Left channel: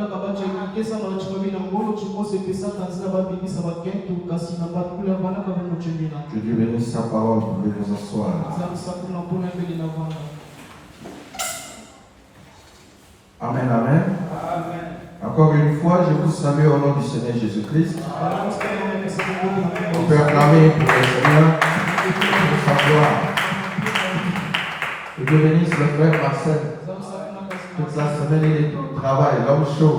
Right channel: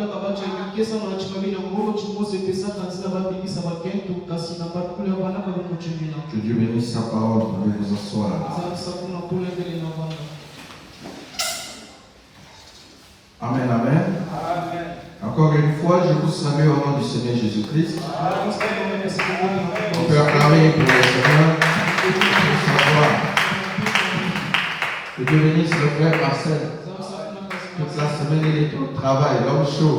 Que Dieu bénisse sa parole, vous pouvez vous asseoir. Amen, amen. Encore une fois, je vous salue au nom du Seigneur Jésus-Christ. On peut acclamer pour le Seigneur, pour sa gloire. Que Dieu bénisse le frère Marcel. Toute la semaine, il est au travail, l'homme chaud.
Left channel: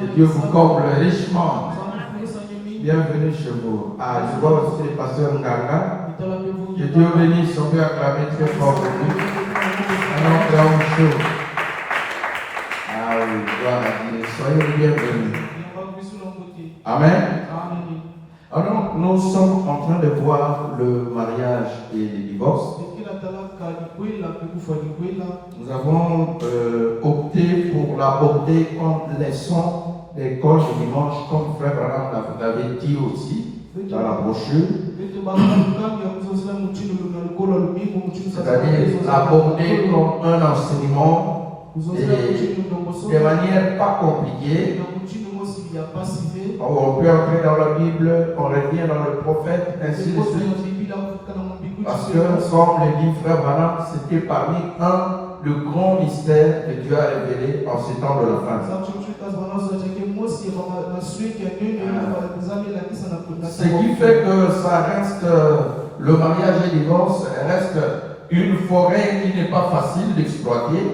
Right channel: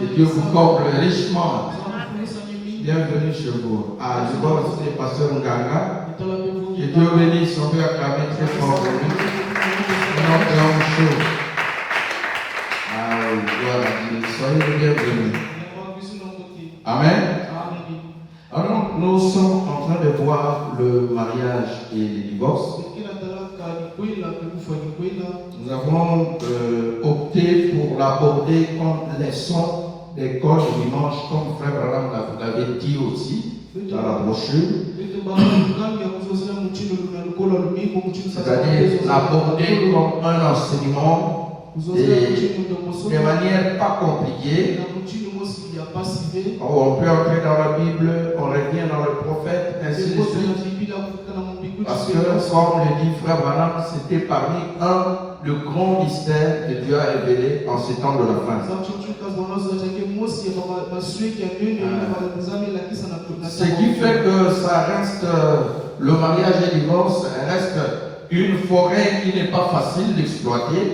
Que Dieu vous comble richement. Bienvenue chez vous. Ah, je vois aussi le pasteur Nganga. Que Dieu bénisse, on peut acclamer très fort pour lui. Un autre homme chaud. Ah oui, gloire à Dieu. Soyez bienvenus. Amen. Alors, nous sommes en train de voir le mariage et le divorce. Nous avons opté pour l'aborder comme leçon d'école du dimanche, comme Frère Branham l'avait dit aussi dans la brochure. C'est-à-dire l'aborder comme un enseignement de manière pas compliquée. On peut entrer dans la Bible, on revient dans le prophète, ainsi de suite. Parce que, comme le dit Frère Branham, c'était parmi le grand mystère que Dieu a révélé en ces temps de la fin. Ce qui fait que ça reste, le mariage et le divorce reste une forêt qui n'est pas facile d'exploiter.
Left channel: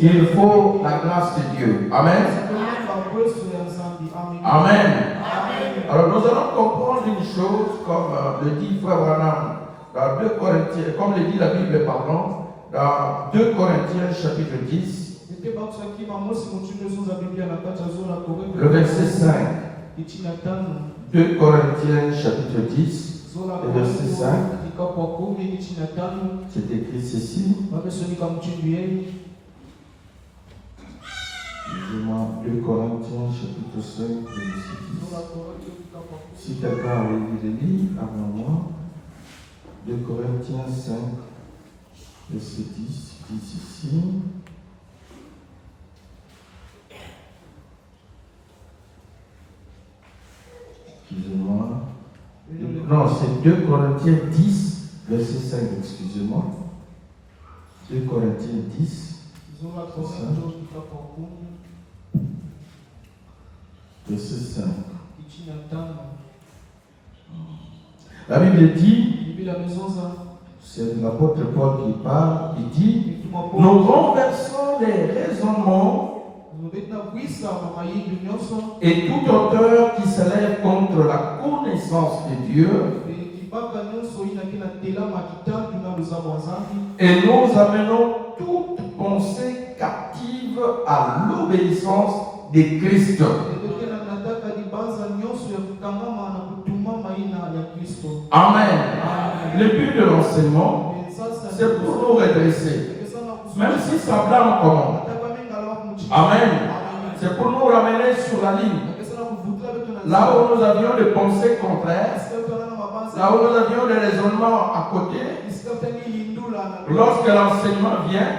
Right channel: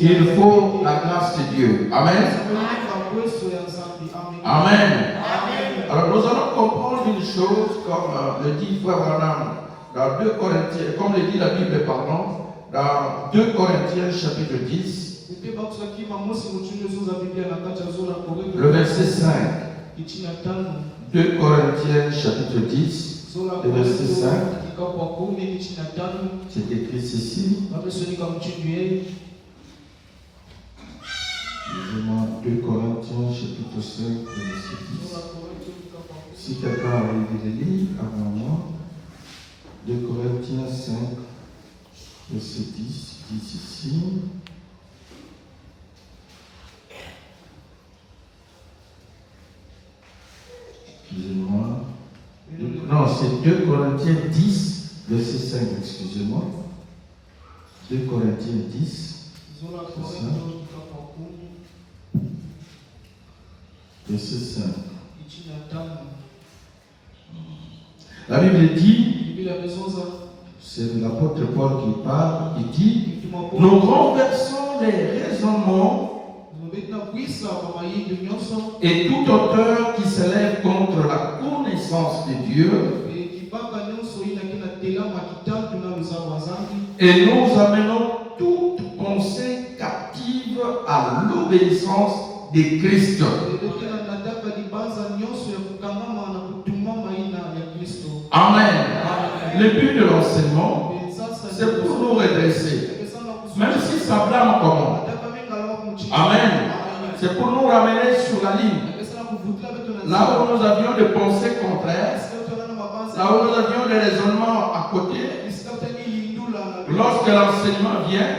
Il faut la grâce de Dieu. Amen. Amen. Alors nous allons comprendre une chose, comme le dit Frère Branham dans 2 Corinthiens, comme le dit la Bible, pardon, dans 2 Corinthiens chapitre 10, le verset 5. 2 Corinthiens chapitre 10, le verset 5. C'est écrit ceci. Excusez-moi, 2 Corinthiens chapitre 5, verset 10. Si quelqu'un a envie de lire avant moi, 2 Corinthiens 5, verset 10, dit ici. Excusez-moi. Non, c'est 2 Corinthiens 10, verset 5, excusez-moi. 2 Corinthiens 10, verset 5. La Bible dit, c'est l'apôtre Paul qui parle, il dit, nous renversons les raisonnements et tout auteur qui s'élève contre la connaissance de Dieu, et nous amenons toute pensée captive à l'obéissance de Christ. Amen. Le but de l'enseignement, c'est pour nous redresser. Même si ça blâme comment. Amen. C'est pour nous ramener sur la ligne. Là où nous avions des pensées contraires, là où nous avions des raisonnements à côté, lorsque l'enseignement vient,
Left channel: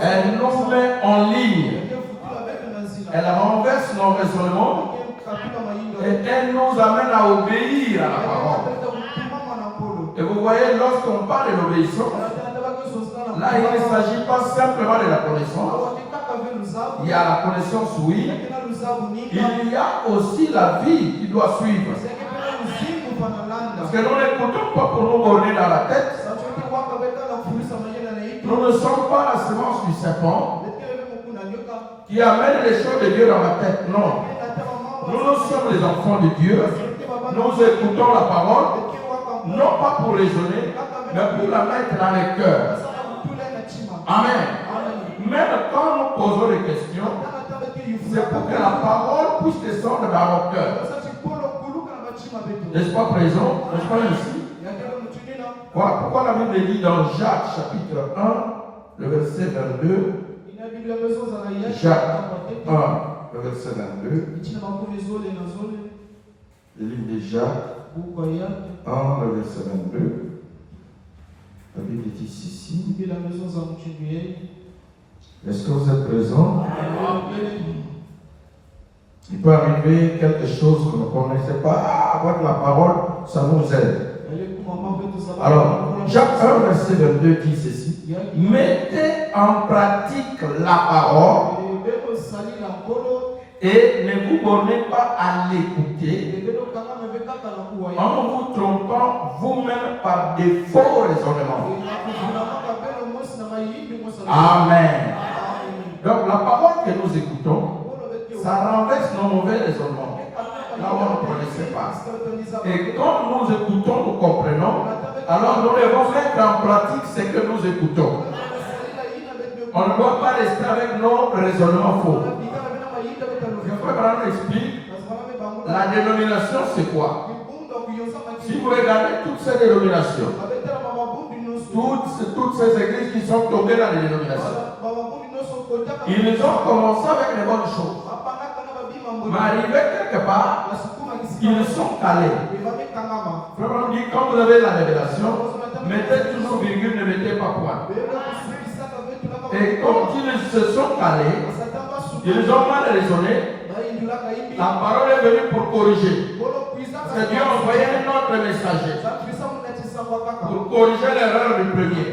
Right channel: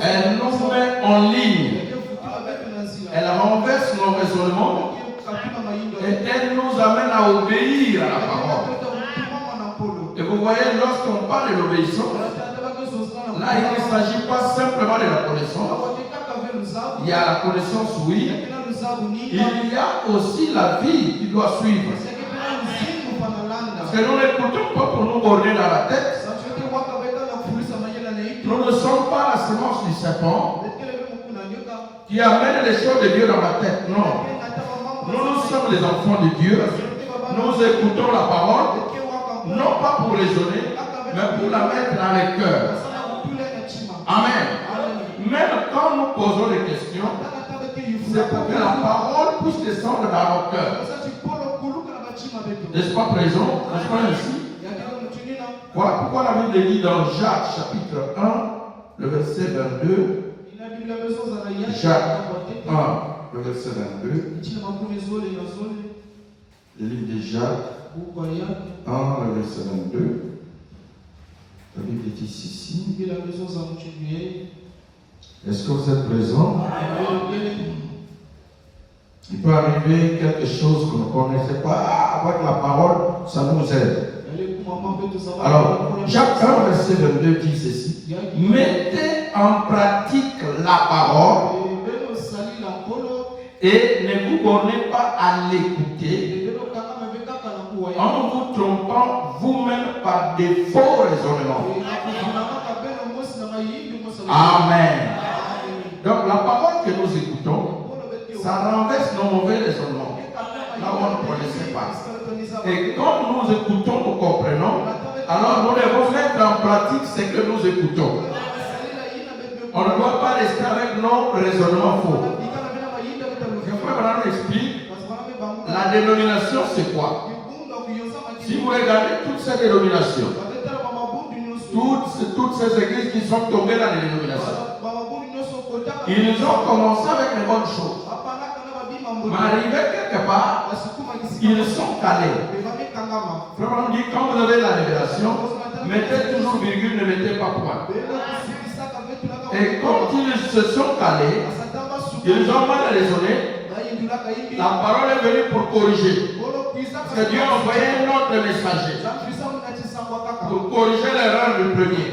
elle nous met en ligne. Elle renverse nos raisonnements et elle nous amène à obéir à la parole. Et vous voyez, lorsqu'on parle de l'obéissance, là il ne s'agit pas simplement de la connaissance. Il y a la connaissance, oui. Il y a aussi la vie qui doit suivre. Parce que nous n'écoutons pas pour nous borner dans la tête. Nous ne sommes pas la semence du serpent qui amène les choses de Dieu dans la tête. Non. Nous sommes les enfants de Dieu. Nous écoutons la parole, non pas pour raisonner, mais pour la mettre dans les cœurs. Amen. Même quand nous posons des questions, c'est pour que la parole puisse descendre dans nos cœurs. N'est-ce pas présent? N'est-ce pas ainsi? Pourquoi la Bible dit dans Jacques chapitre 1, le verset 22, Jacques 1, le verset 22, le livre de Jacques 1, le verset 22, la Bible dit ici, Est-ce que vous êtes présent? Il peut arriver quelque chose que vous ne connaissez pas. Avec la parole, ça nous aide. Alors, Jacques 1, verset 22 dit ceci. Mettez en pratique la parole et ne vous bornez pas à l'écouter en vous trompant vous-même par des faux raisonnements. Amen. Donc la parole que nous écoutons, ça renverse nos mauvais raisonnements. Là où on ne connaissait pas. Et quand nous écoutons, nous comprenons. Alors nous devons mettre en pratique ce que nous écoutons. On ne doit pas rester avec nos raisonnements faux. Je vais expliquer. La dénomination, c'est quoi? Si vous regardez toutes ces dénominations, toutes ces églises qui sont tombées dans les dénominations, ils ont commencé avec les bonnes choses. Mais arrivé quelque part, ils sont calés. Vraiment dit, quand vous avez la révélation, mettez toujours virgule, ne mettez pas point. Et quand ils se sont calés, ils ont mal raisonné. La parole est venue pour corriger. Parce que Dieu a envoyé un autre messager pour corriger l'erreur du premier.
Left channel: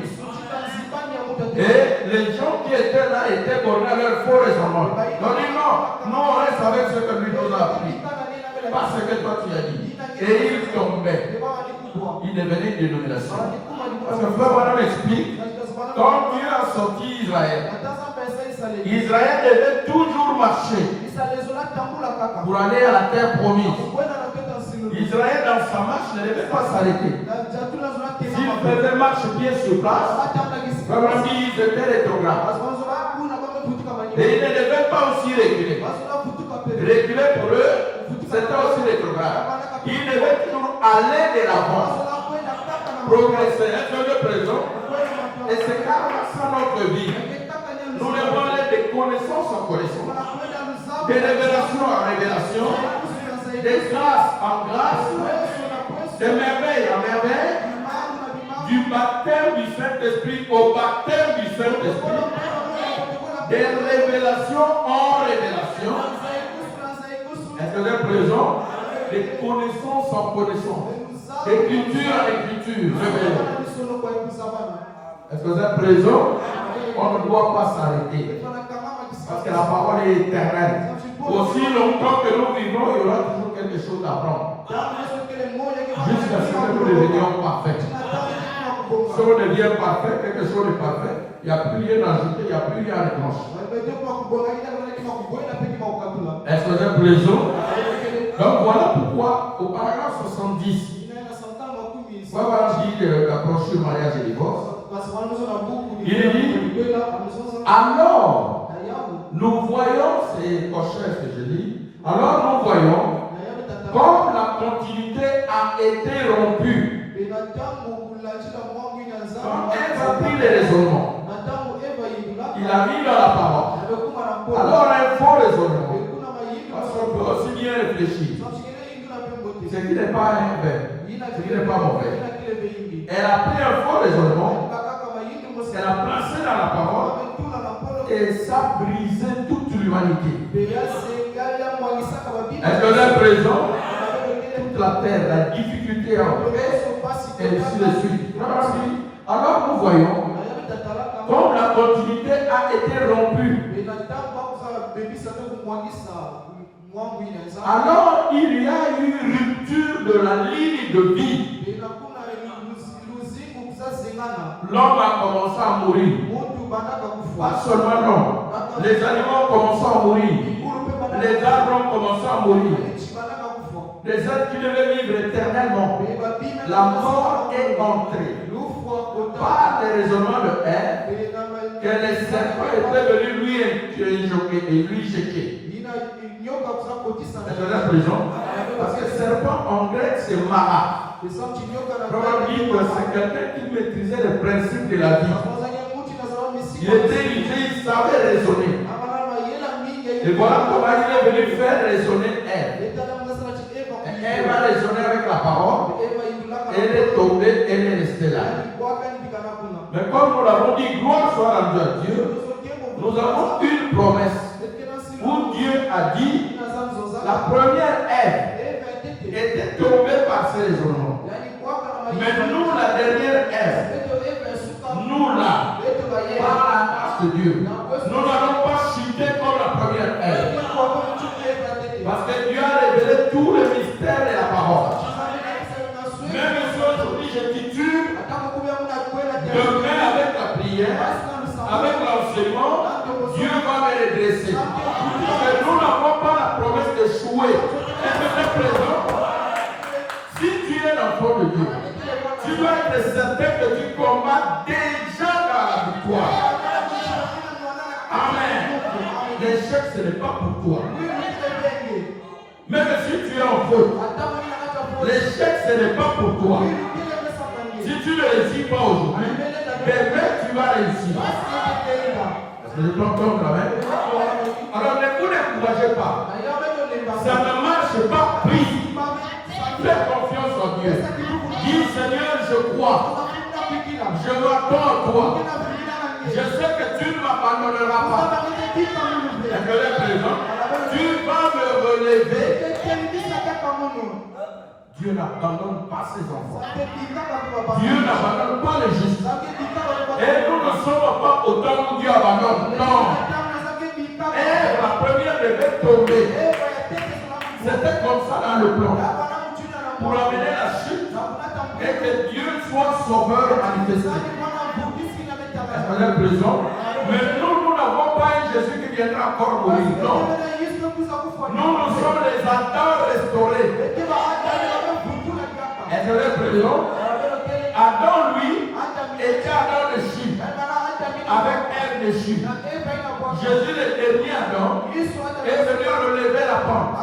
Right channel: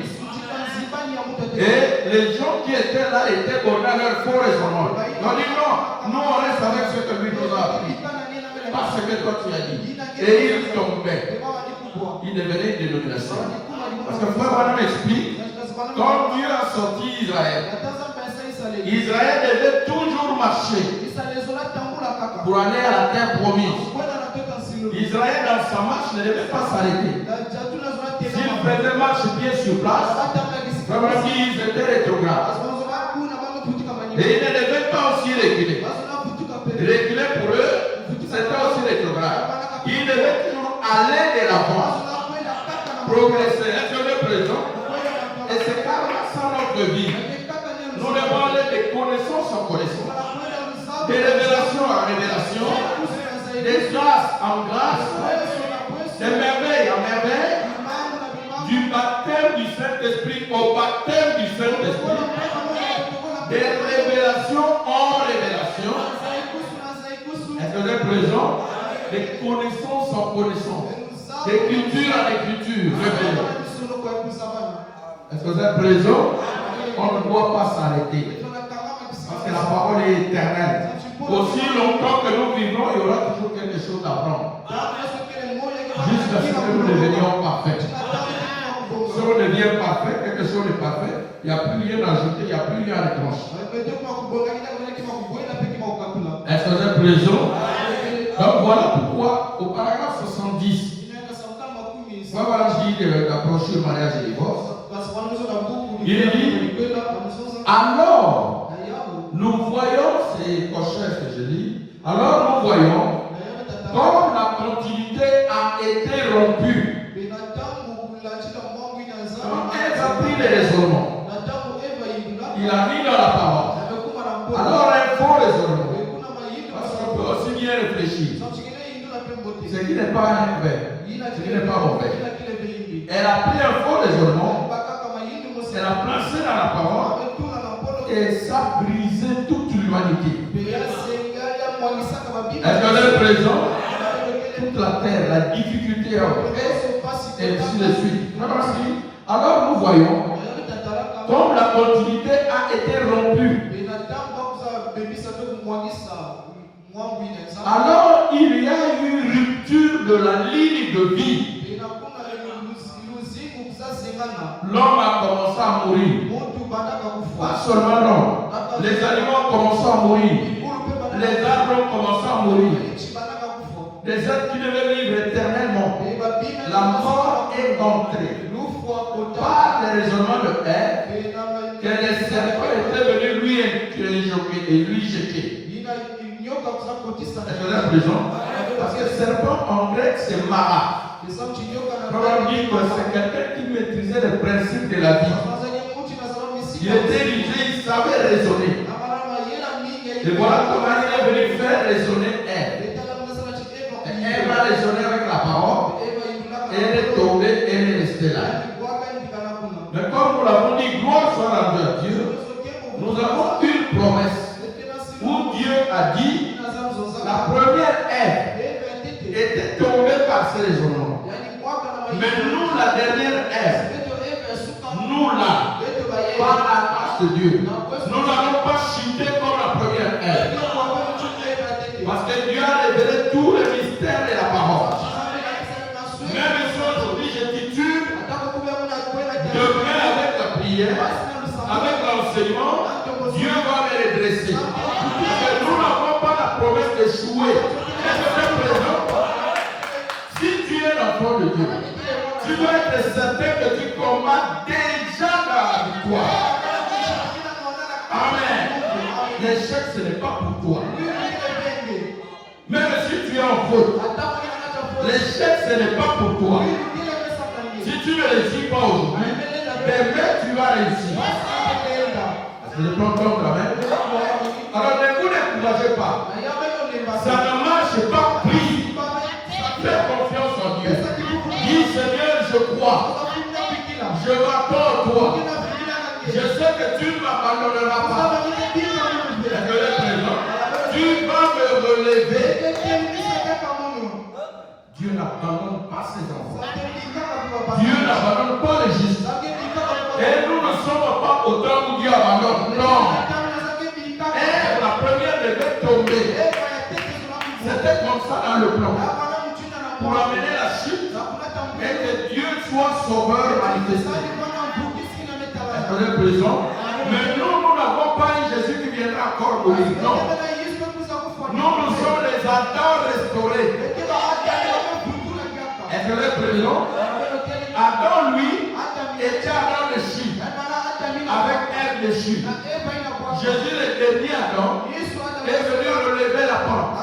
Et les gens qui étaient là étaient bornés à leur faux raisonnement. Ils ont dit non, nous on reste avec ce que lui nous a appris. Pas ce que toi tu as dit. Et il tombait. Il devenait une dénomination. Parce que frère Madame explique, quand Dieu a sorti Israël, Israël devait toujours marcher pour aller à la terre promise. Israël dans sa marche ne devait pas s'arrêter. S'il faisait marche bien sur place, comme on dit, ils étaient rétrogrades. Et ils ne devaient pas aussi reculer. Reculer pour eux, c'était aussi rétrograde. Ils devaient toujours aller de l'avant, progresser, être le présent. Et c'est carrément ça notre vie. Nous devons aller de connaissance en connaissance, de révélation en révélation, de grâce en grâce, de merveille en merveille, du baptême du Saint-Esprit au baptême du Saint-Esprit, de révélation en révélation, est-ce que vous êtes présent? De connaissance en connaissance, d'écriture en écriture, révélée. Est-ce que vous êtes présent? On ne doit pas s'arrêter. Parce que la parole est éternelle. Aussi longtemps que nous vivons, il y aura toujours quelque chose à apprendre. Jusqu'à ce que nous devenions parfaits. Si on devient parfait, quelque chose de parfait, il n'y a plus rien à ajouter, il n'y a plus rien à retrancher. Est-ce que vous êtes présent? Donc voilà pourquoi, au paragraphe 70, voilà dit la brochure mariage et divorce. Il dit, alors, nous voyons, c'est Cochef que je dis, alors nous voyons, comme la continuité a été rompue, quand elle a pris les raisonnements, il a mis dans la parole, alors un faux raisonnement, parce qu'on peut aussi bien réfléchir, ce qui n'est pas un verbe, ce qui n'est pas mauvais. Elle a pris un faux raisonnement, elle a placé dans la parole, et ça a brisé toute l'humanité. Est-ce que l'un présent? Toute la terre, la difficulté et ainsi de suite. Alors nous voyons, comme la continuité a été rompue, alors il y a eu rupture de la ligne de vie. L'homme a commencé à mourir. Pas seulement l'homme. Les animaux ont commencé à mourir. Les arbres ont commencé à mourir. Les êtres qui devaient vivre éternellement. La mort est entrée. Par les raisonnements de Ève, que les serpents étaient venus lui injoquer et lui jeter. Est-ce que la prison? Parce que serpent en grec c'est mara. Probablement c'est quelqu'un qui maîtrisait les principes de la vie. Il était rigide, il savait raisonner. Et voilà comment il est venu faire raisonner Ève. Elle a raisonné avec la parole. Elle est tombée, elle est restée là. Mais comme nous l'avons dit, gloire soit rendue à Dieu, Nous avons une promesse où Dieu a dit la première Ève était tombée par ce raisonnement. Mais nous, la dernière Ève, nous là, par la grâce de Dieu, nous n'allons pas chuter comme la première Ève. Parce que Dieu a révélé tous les mystères de la parole. Même si aujourd'hui je titule, demain avec la prière, avec l'enseignement, Dieu va me redresser. Parce que nous n'avons pas la promesse d'échouer. Est-ce que c'est présent? Si tu es l'enfant de Dieu, tu dois être certain que tu combats déjà dans la victoire. Amen. L'échec, ce n'est pas pour toi. Même si tu es en faute, l'échec, ce n'est pas pour toi. Si tu ne réussis pas aujourd'hui, demain tu vas réussir. Est-ce que je prends comme quand même? Alors ne vous découragez pas. Ça ne marche pas. Prie. Fais confiance en Dieu. Dis Seigneur, je crois. Je m'attends à toi. Je sais que tu ne m'abandonneras pas. Est-ce que je présent? Tu vas me relever. Dieu n'abandonne pas ses enfants. Dieu n'abandonne pas les justes. Et nous ne sommes pas au temps où Dieu abandonne. Non. Et la première devait tomber. C'était comme ça dans le plan. Pour amener la chute et que Dieu soit sauveur manifesté. Est-ce que est présent? Mais nous n'avons pas un Jésus qui viendra encore mourir. Non. Nous sommes les Adam restaurés. Est-ce que est présent? Adam, lui, était Adam de Chine, avec Ève de Chine. Jésus, le dernier Adam, est venu relever la pente.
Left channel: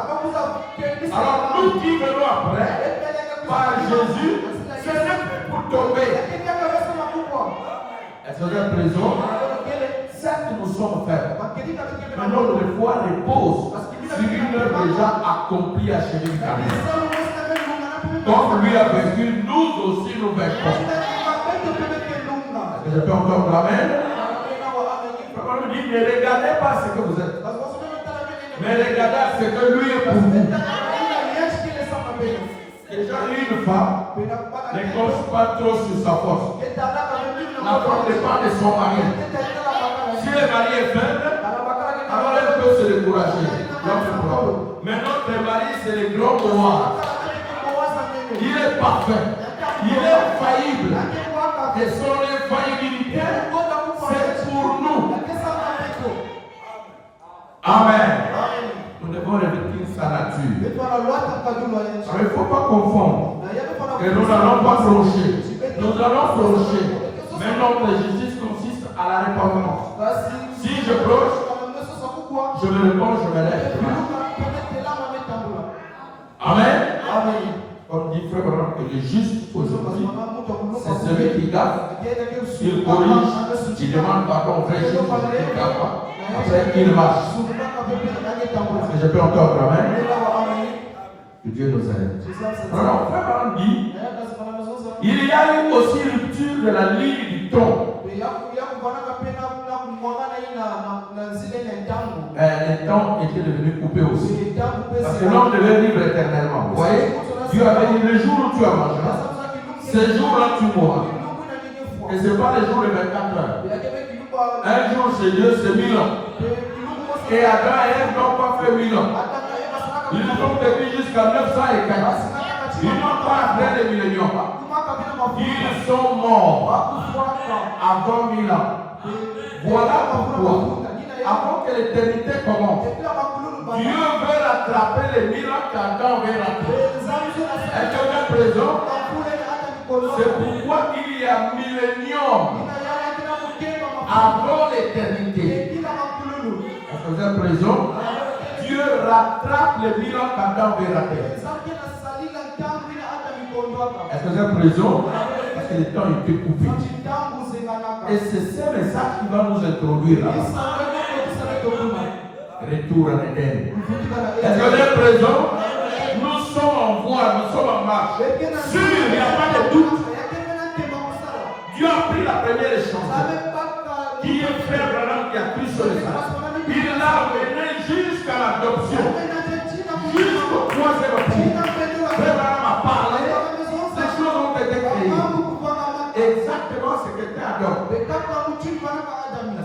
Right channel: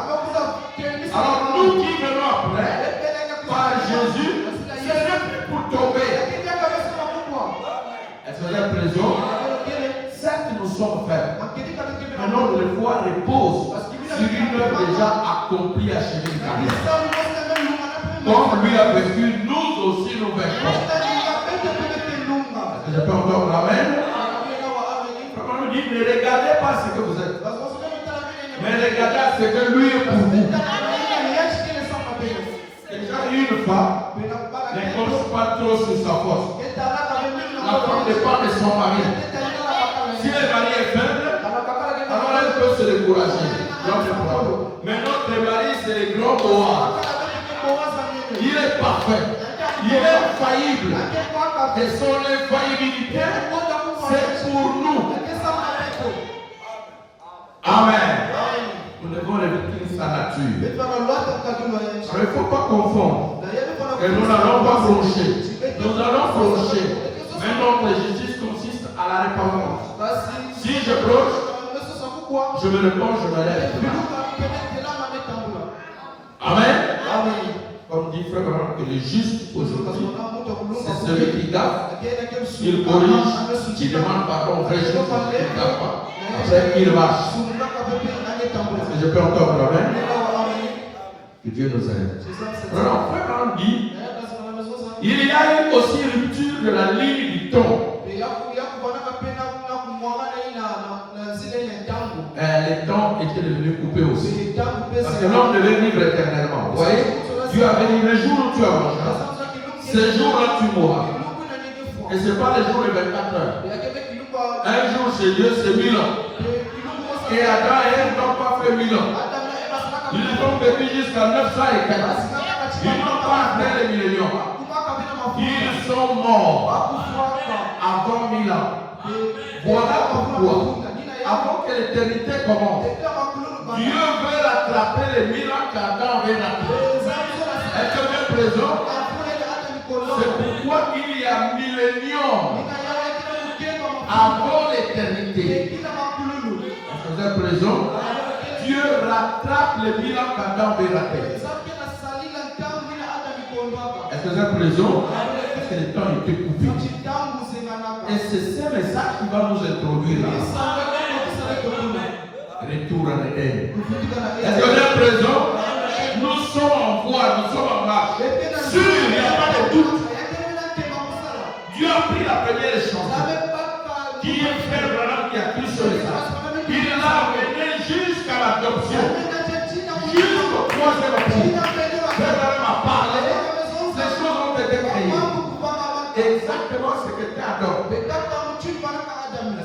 Alors nous qui venons après, par Jésus, ce n'est plus pour tomber. Est-ce que est présent? Certes, nous sommes faibles, mais notre foi repose sur une œuvre déjà accomplie, achevée du Christ. Comme lui a vécu, nous aussi nous vaincrons. Est-ce que je peux entendre l'amen? Comment nous dit, ne regardez pas ce que vous êtes, mais regardez à ce que lui est pour vous. Déjà une femme ne compte pas trop sur sa force. La femme dépend de son mari. Si le mari est faible, alors elle peut se décourager. Mais notre mari, c'est le grand Boaz. Il est parfait. Il est faillible. Et son infaillibilité, c'est pour nous. Amen. Nous devons revêtir sa nature. Il ne faut pas confondre. Et nous n'allons pas flancher. Nous allons flancher. Mais notre justice consiste à la repentance. Si je cloche, je me réponds, je me lève. Amen. Comme dit Frère Branham, que le juste aujourd'hui, c'est celui qui gaffe, il corrige, il demande pardon, vrai juste, il ne gaffe pas. Après, il marche. Je peux encore Amen. Que Dieu nous aide. Alors, Frère Branham dit, il y a eu aussi rupture de la ligne du ton. Les temps étaient devenus coupés aussi. Parce que l'homme devait vivre éternellement. Vous voyez, Dieu avait dit le jour où tu as mangé, ce jour-là tu mourras. Et ce n'est pas le jour de 24 heures. Un jour chez Dieu, c'est 1000 ans. Et Adam et Ève n'ont pas fait 1000 ans. Ils ont vécu jusqu'à 900 et quelques. Ils n'ont pas atteint les milléniums. Ils sont morts avant 1000 ans. Voilà pourquoi, avant que l'éternité commence, Dieu veut rattraper les 1000 ans qu'Adam avait raté. Est-ce que vous êtes présent? C'est pourquoi il y a millénium avant l'éternité. Est-ce que vous êtes présent? Dieu rattrape les 1000 ans qu'Adam avait raté. Est-ce que vous êtes présent? Parce que le temps était coupé. Et c'est ce message qui va nous introduire là. Retour à l'Éden. Est-ce que vous êtes présent? Nous sommes en voie, nous sommes en marche. Sûr, il n'y a pas de doute. Dieu a pris la première chance. Qui est Frère Branham qui a pris sur le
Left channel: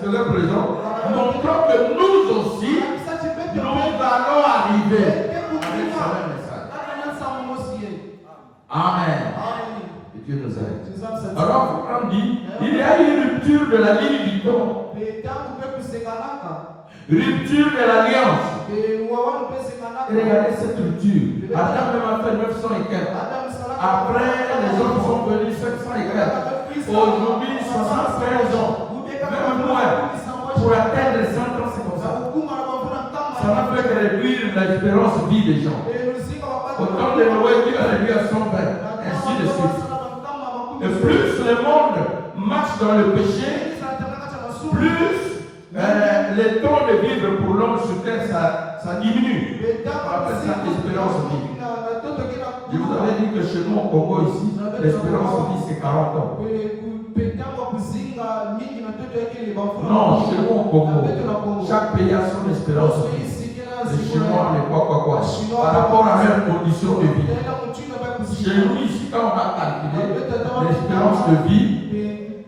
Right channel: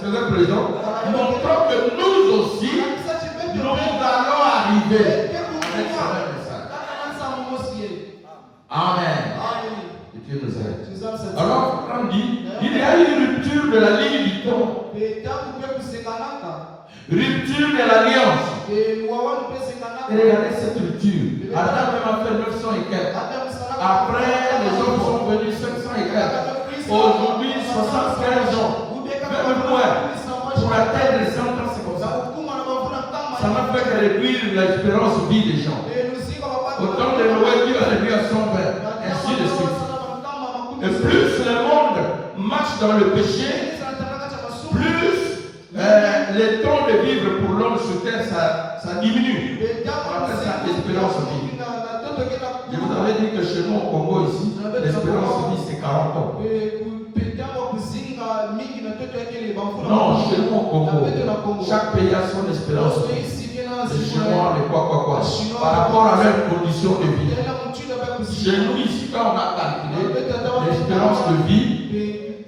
que vous êtes présents? Montrant que nous aussi, nous allons arriver avec ce même message. Amen. Et Dieu nous aide. Alors, on dit, il y a une rupture de la ligne du temps. Rupture de l'alliance. Et regardez cette rupture. Adam même a fait 900 et quelques. Après, les autres sont venus 500 et quelques. Aujourd'hui, 75 ans. Même moins. Pour atteindre les 100 ans, c'est comme ça. Ça ne fait que réduire l'espérance de vie des gens. Au temps de Noé, Dieu a réduit à 120. Ainsi de suite. Et plus le monde marche dans le péché, plus le temps de vivre pour l'homme sur terre, ça diminue. On appelle ça l'espérance de vie. Je vous avais dit que chez nous au Congo ici, l'espérance de vie c'est 40 ans. Non, chez nous au Congo, chaque pays a son espérance de vie. Les Chinois, les quoi. Par rapport à leur condition de vie. Chez nous ici, quand on a calculé l'espérance de vie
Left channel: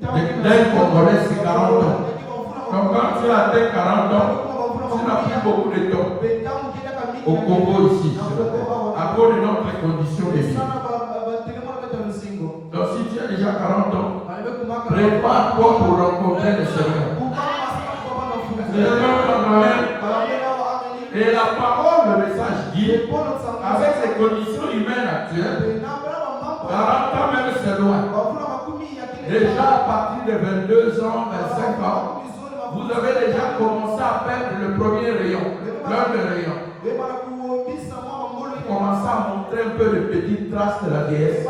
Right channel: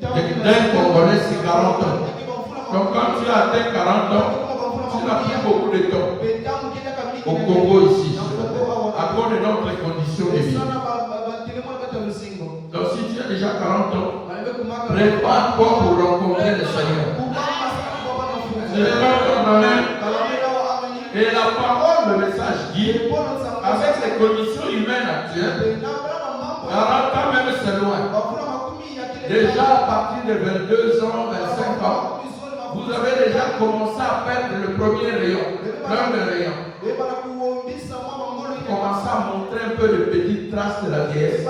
d'un Congolais, c'est 40 ans. Donc quand tu as atteint 40 ans, tu n'as plus beaucoup de temps. Au Congo ici, à cause de notre condition de vie. Donc si tu as déjà 40 ans, prépare-toi pour rencontrer le Seigneur. Et la parole, le message dit, avec les conditions humaines actuelles, 40 ans même c'est loin. Déjà à partir de 22 ans, 25 ans, vous avez déjà commencé à perdre le premier rayon, plein de rayons. Commencez à montrer un peu de petites traces de la vieillesse.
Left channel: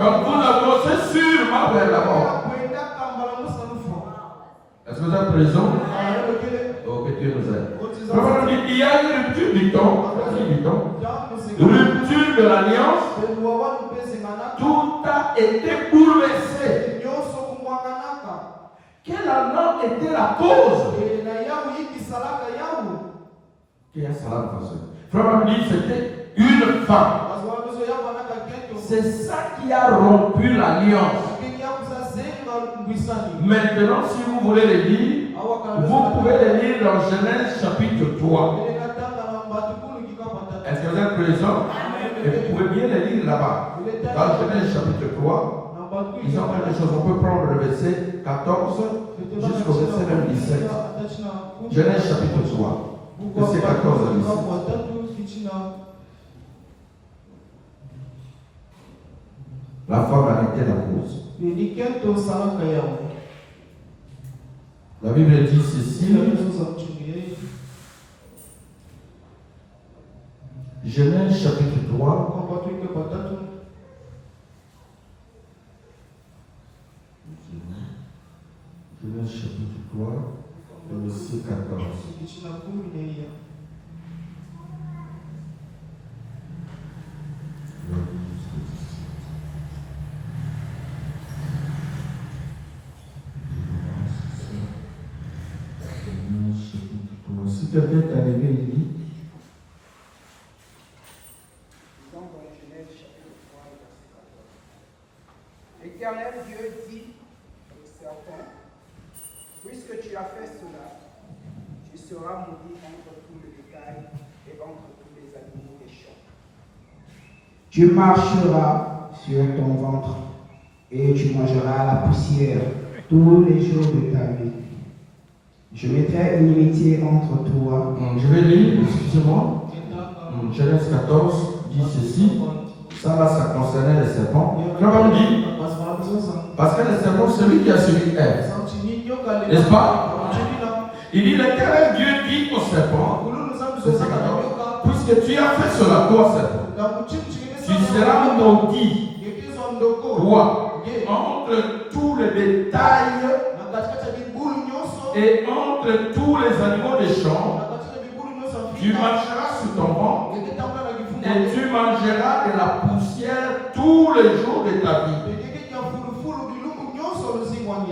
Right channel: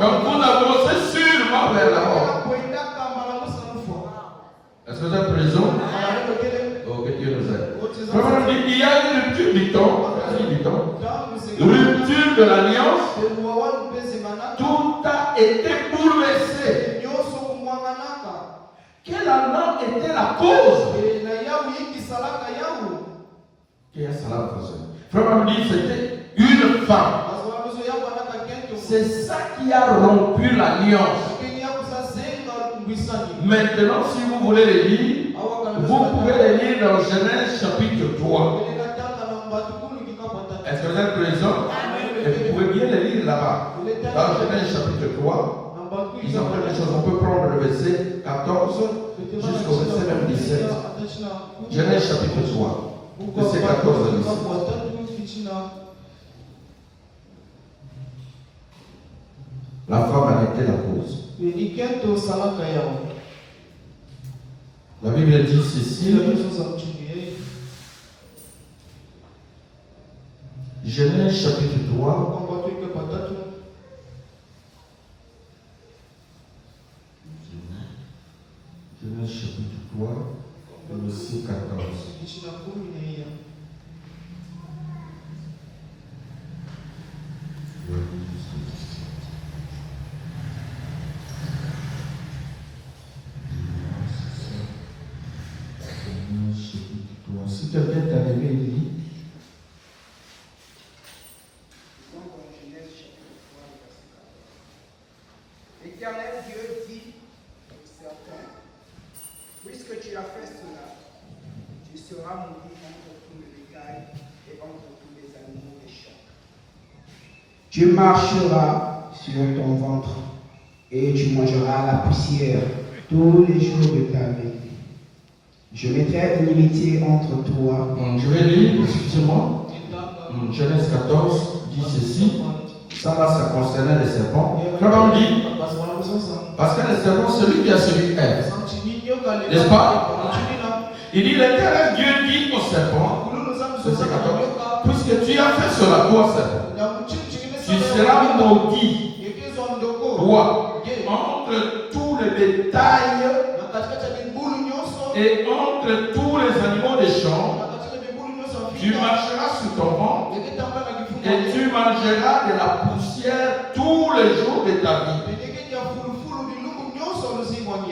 Donc vous avancez sûrement vers la mort. Est-ce que vous êtes présent? Oh, que Dieu nous aide. Il y a une rupture du temps. Rupture de l'alliance. Tout a été bouleversé. Quelle alors était la cause? Frère nous dit c'était une femme. C'est ça qui a rompu l'alliance. Maintenant, si vous voulez les lire, vous pouvez les lire dans Genèse chapitre 3. Est-ce que vous êtes présents? Et vous pouvez bien les lire là-bas. Dans Genèse chapitre 3, ils ont quelque chose. On peut prendre le verset 14 jusqu'au verset même 17. Genèse chapitre 3, verset 14 à 17. La femme en était la cause. La Bible dit ceci. Genèse chapitre 3. Genèse chapitre 3, verset 14. Si tu avais t'arriver ici. L'Éternel Dieu dit au serpent, puisque tu as fait cela, tu seras maudit entre tout le bétail et entre tous les animaux des champs. Tu marcheras sur ton ventre et tu mangeras la poussière tous les jours de ta vie. Je mettrai une inimitié entre toi. Je vais lire, excusez-moi. Genèse 14 dit ceci. Ça concernait les serpents. Comment on dit? Parce que les serpents, celui qui a séduit Ève. N'est-ce pas? Il dit l'Éternel Dieu dit au serpent, verset 14, puisque tu as fait cela, toi serpent, tu seras maudit, toi, entre tous les bétails et entre tous les animaux des champs. Tu marcheras sur ton ventre et tu mangeras de la poussière tous les jours de ta vie.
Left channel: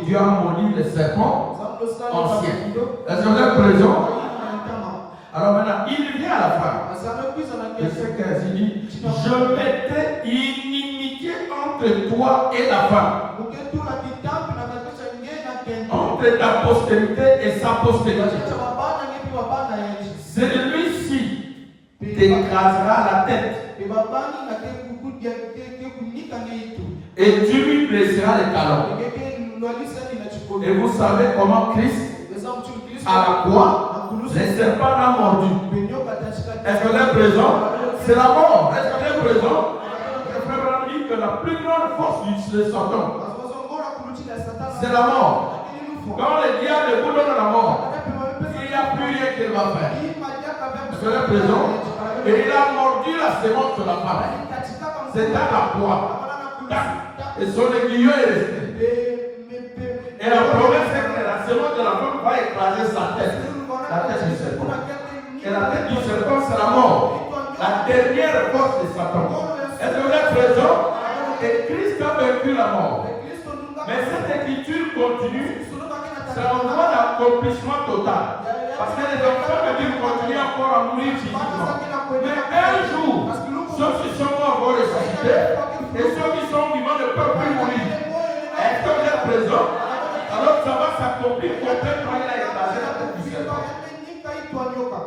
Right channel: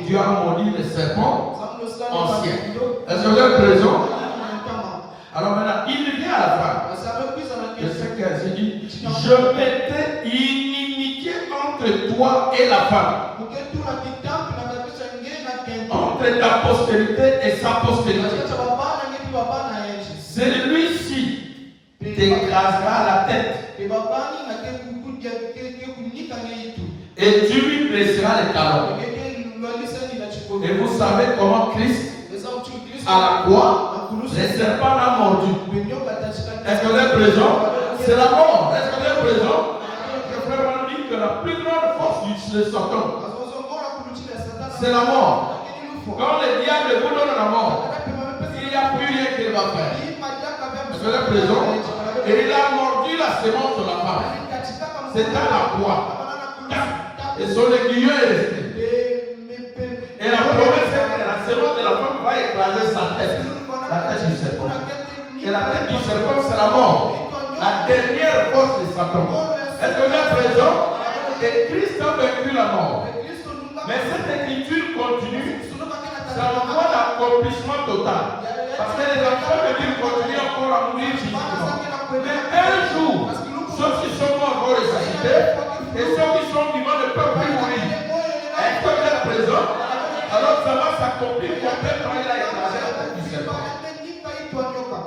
Dieu a maudit les serpents anciens. Est-ce que vous êtes présent? Alors maintenant, il vient à la fin. Verset 15, il dit, je mettrai inimitié entre toi et la femme, entre ta postérité et sa postérité. Celui-ci t'écrasera la tête. Et tu lui blesseras les talons. Et vous savez comment Christ, à la croix, les serpents l'ont mordu. Est-ce que vous êtes présent? C'est la mort. Est-ce que vous êtes présent? Je peux vous dire que la plus grande force de Satan, c'est la mort. Quand le diable vous donne la mort, il n'y a plus rien qu'il va faire. Est-ce que vous êtes présent? Et il a mordu la sémence de la femme. C'est à la croix. Et son aiguillon est resté. Et la promesse c'est que la sémence de la femme va écraser sa tête. La tête du serpent. Et la tête du serpent, c'est la mort. La dernière force de Satan. Est-ce que vous êtes présent? Et Christ a vaincu la mort. Mais cette écriture continue. C'est un point d'accomplissement total. Parce que les enfants de Dieu continuent encore à mourir physiquement. Mais un jour, ceux qui sont morts vont ressusciter. Et ceux qui sont vivants ne peuvent plus mourir. Est-ce que vous êtes présent? Alors ça va s'accomplir complètement. Il a écrasé la tête du serpent.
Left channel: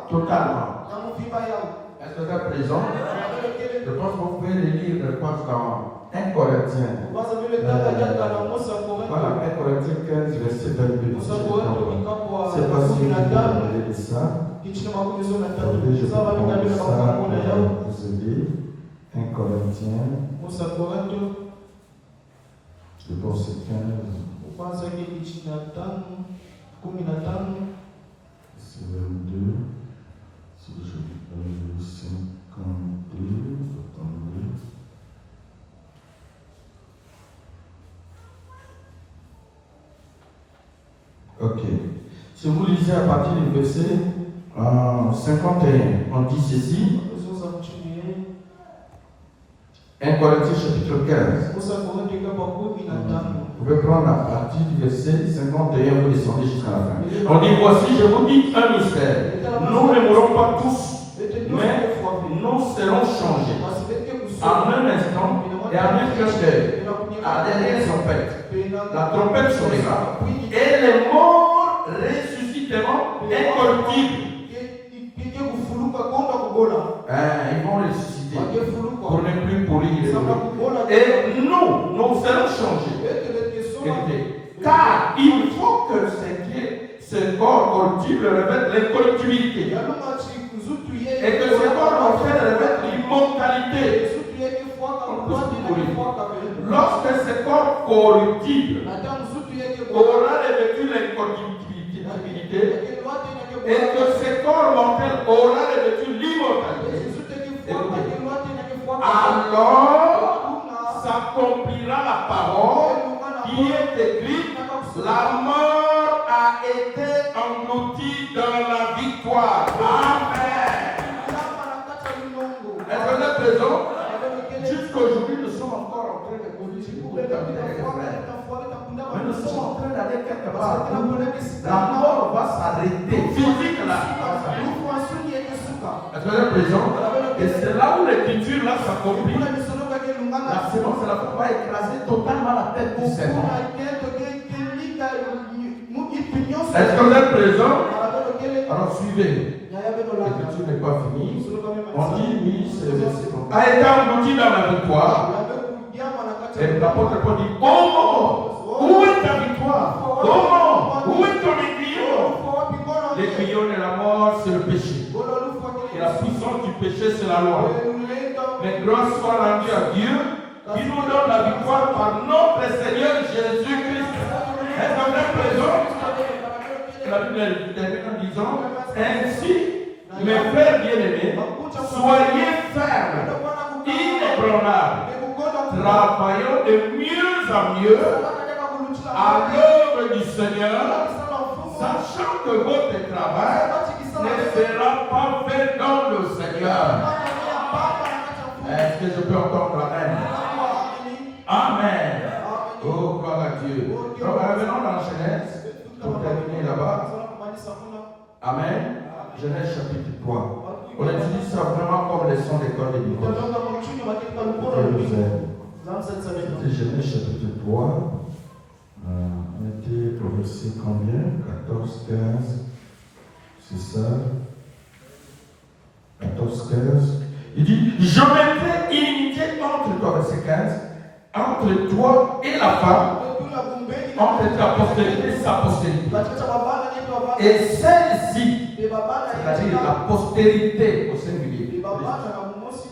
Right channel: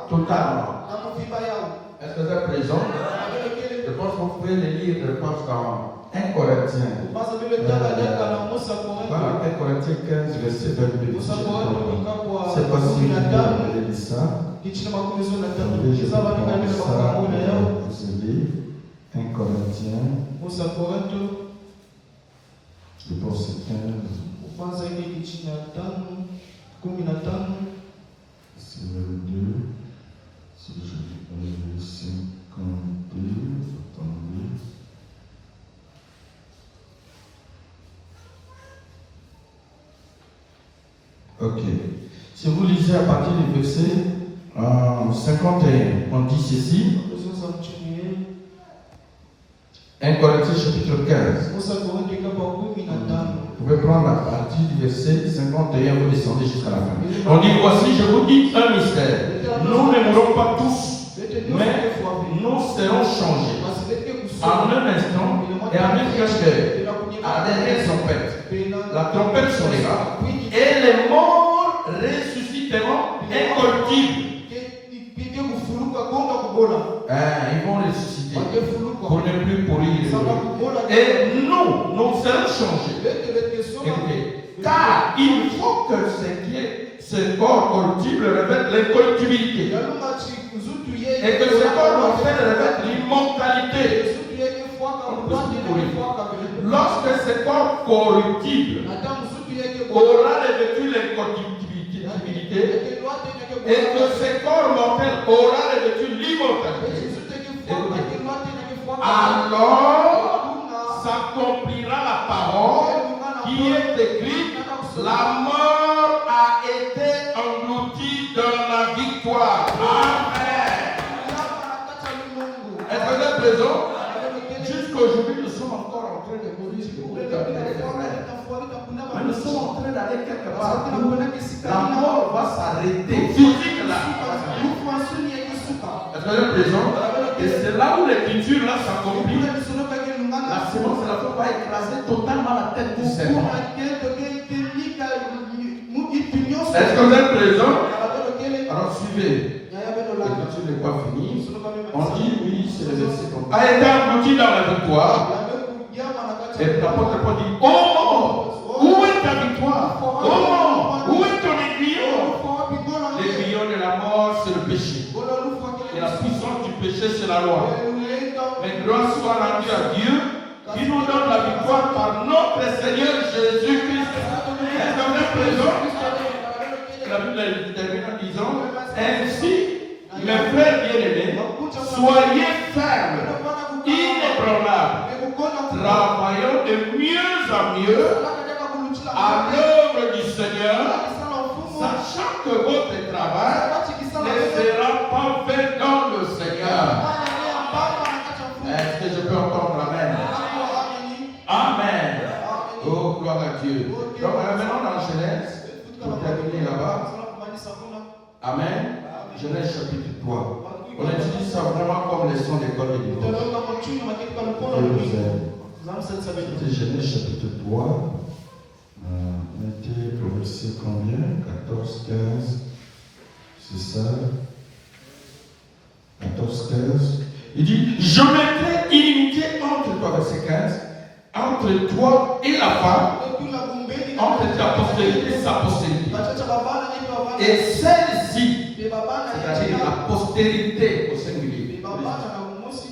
Totalement. Est-ce que vous êtes présent? Je pense que vous pouvez le lire, je pense, dans 1 Corinthiens. Voilà, 1 Corinthiens 15, verset 22. C'est pas si vous avez dit ça. Je vais prendre ça, vous allez. 1 Corinthiens. Le verset 15. C'est 22. Si je vais 52, attendez. Ok. Si vous lisez à partir du verset 51, on dit ceci. 1 Corinthiens chapitre 15. Vous pouvez prendre à partir du verset 51, vous descendez jusqu'à la fin. On dit voici, je vous dis un mystère. Nous ne mourrons pas tous, mais nous serons changés. En un instant et en un clash d'œil, à la dernière trompette. La trompette sonnera. Et les morts ressusciteront incorruptibles. Ils vont ressusciter pour ne plus pourrir. Et nous serons changés. Car il faut que ce corps corruptible revête l'incorruptibilité. Et que ce corps mortel revête l'immortalité. Lorsque ce corps corruptible aura revêtu l'incorruptibilité et que ce corps mortel aura revêtu l'immortalité, alors s'accomplira la parole qui est écrite: la mort a été engloutie dans la victoire. Amen. Est-ce que vous êtes présent? Jusqu'aujourd'hui, nous sommes encore en train de vivre. Mais nous sommes en train d'aller quelque part. La mort va s'arrêter. Physiquement. Est-ce que vous êtes présent? Et c'est là où l'écriture là s'accomplit. La sémence de la foi va écraser totalement la tête du serpent. Est-ce que vous êtes présent? Alors suivez. L'écriture n'est pas finie. On dit oui, c'est a été englouti dans la victoire. Et l'apôtre Paul dit: oh, où est ta victoire? Oh, où est ton aiguillon? L'aiguillon de la mort, c'est le péché. Et la puissance du péché, c'est la loi. Mais grâce soit rendue à Dieu qui nous donne la victoire par notre Seigneur Jésus-Christ. Est-ce que vous êtes présent? La Bible termine en disant: ainsi, mes frères bien-aimés, soyez fermes, inébranlables, travaillant de mieux en mieux à l'œuvre du Seigneur, sachant que votre travail ne sera pas fait dans le Seigneur. Est-ce que je peux entendre l'amen? Amen. Oh, gloire à Dieu. Donc, revenons dans Genèse pour terminer là-bas. Amen. Genèse chapitre 3. On utilise ça vraiment comme leçon d'école de l'Église. C'était Genèse chapitre 3. On était au verset combien? 15. C'est ça. 14, 15. Il dit, je mettrai inimitié entre toi, verset 15, entre toi et la femme, entre ta postérité et sa postérité. Et celle-ci, c'est-à-dire la postérité au singulier.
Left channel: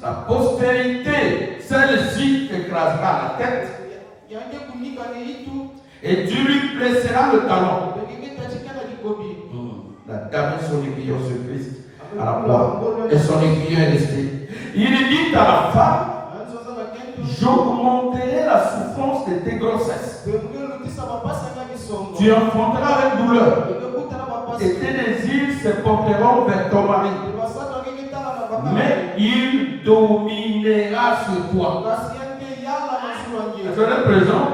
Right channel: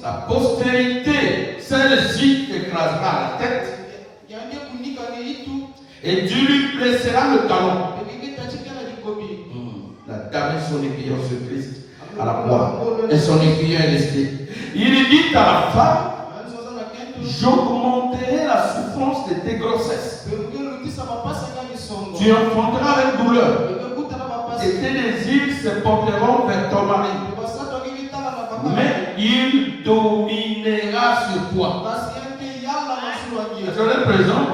La postérité, celle-ci écrasera la tête. Et tu lui blesseras le talon. La dame et son aiguillon se Christ à la croix. Et son aiguillon est resté. Il dit à la femme, j'augmenterai la souffrance de tes grossesses. Tu enfanteras avec douleur. Et tes désirs se porteront vers ton mari. Mais il dominera sur toi. C'est présent.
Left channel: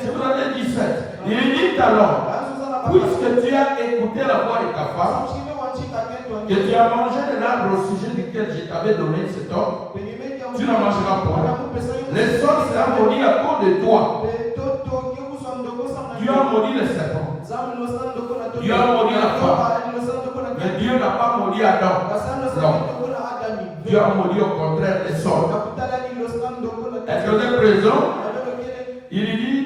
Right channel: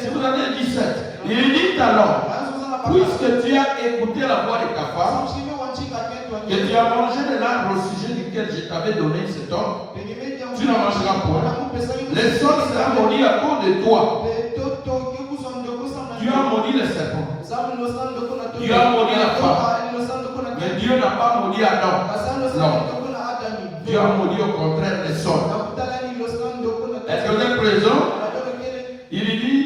C'est le 17. Il dit alors, puisque tu as écouté la voix de ta femme, que tu as mangé de l'arbre au sujet duquel je t'avais donné cet ordre, tu n'en mangeras point. Le sang sera maudit à cause de toi. Tu as maudit le serpent. Tu as maudit la femme. Mais Dieu n'a pas maudit Adam. Non. Dieu a maudit au contraire le sol. Est-ce que vous êtes présent? Il dit,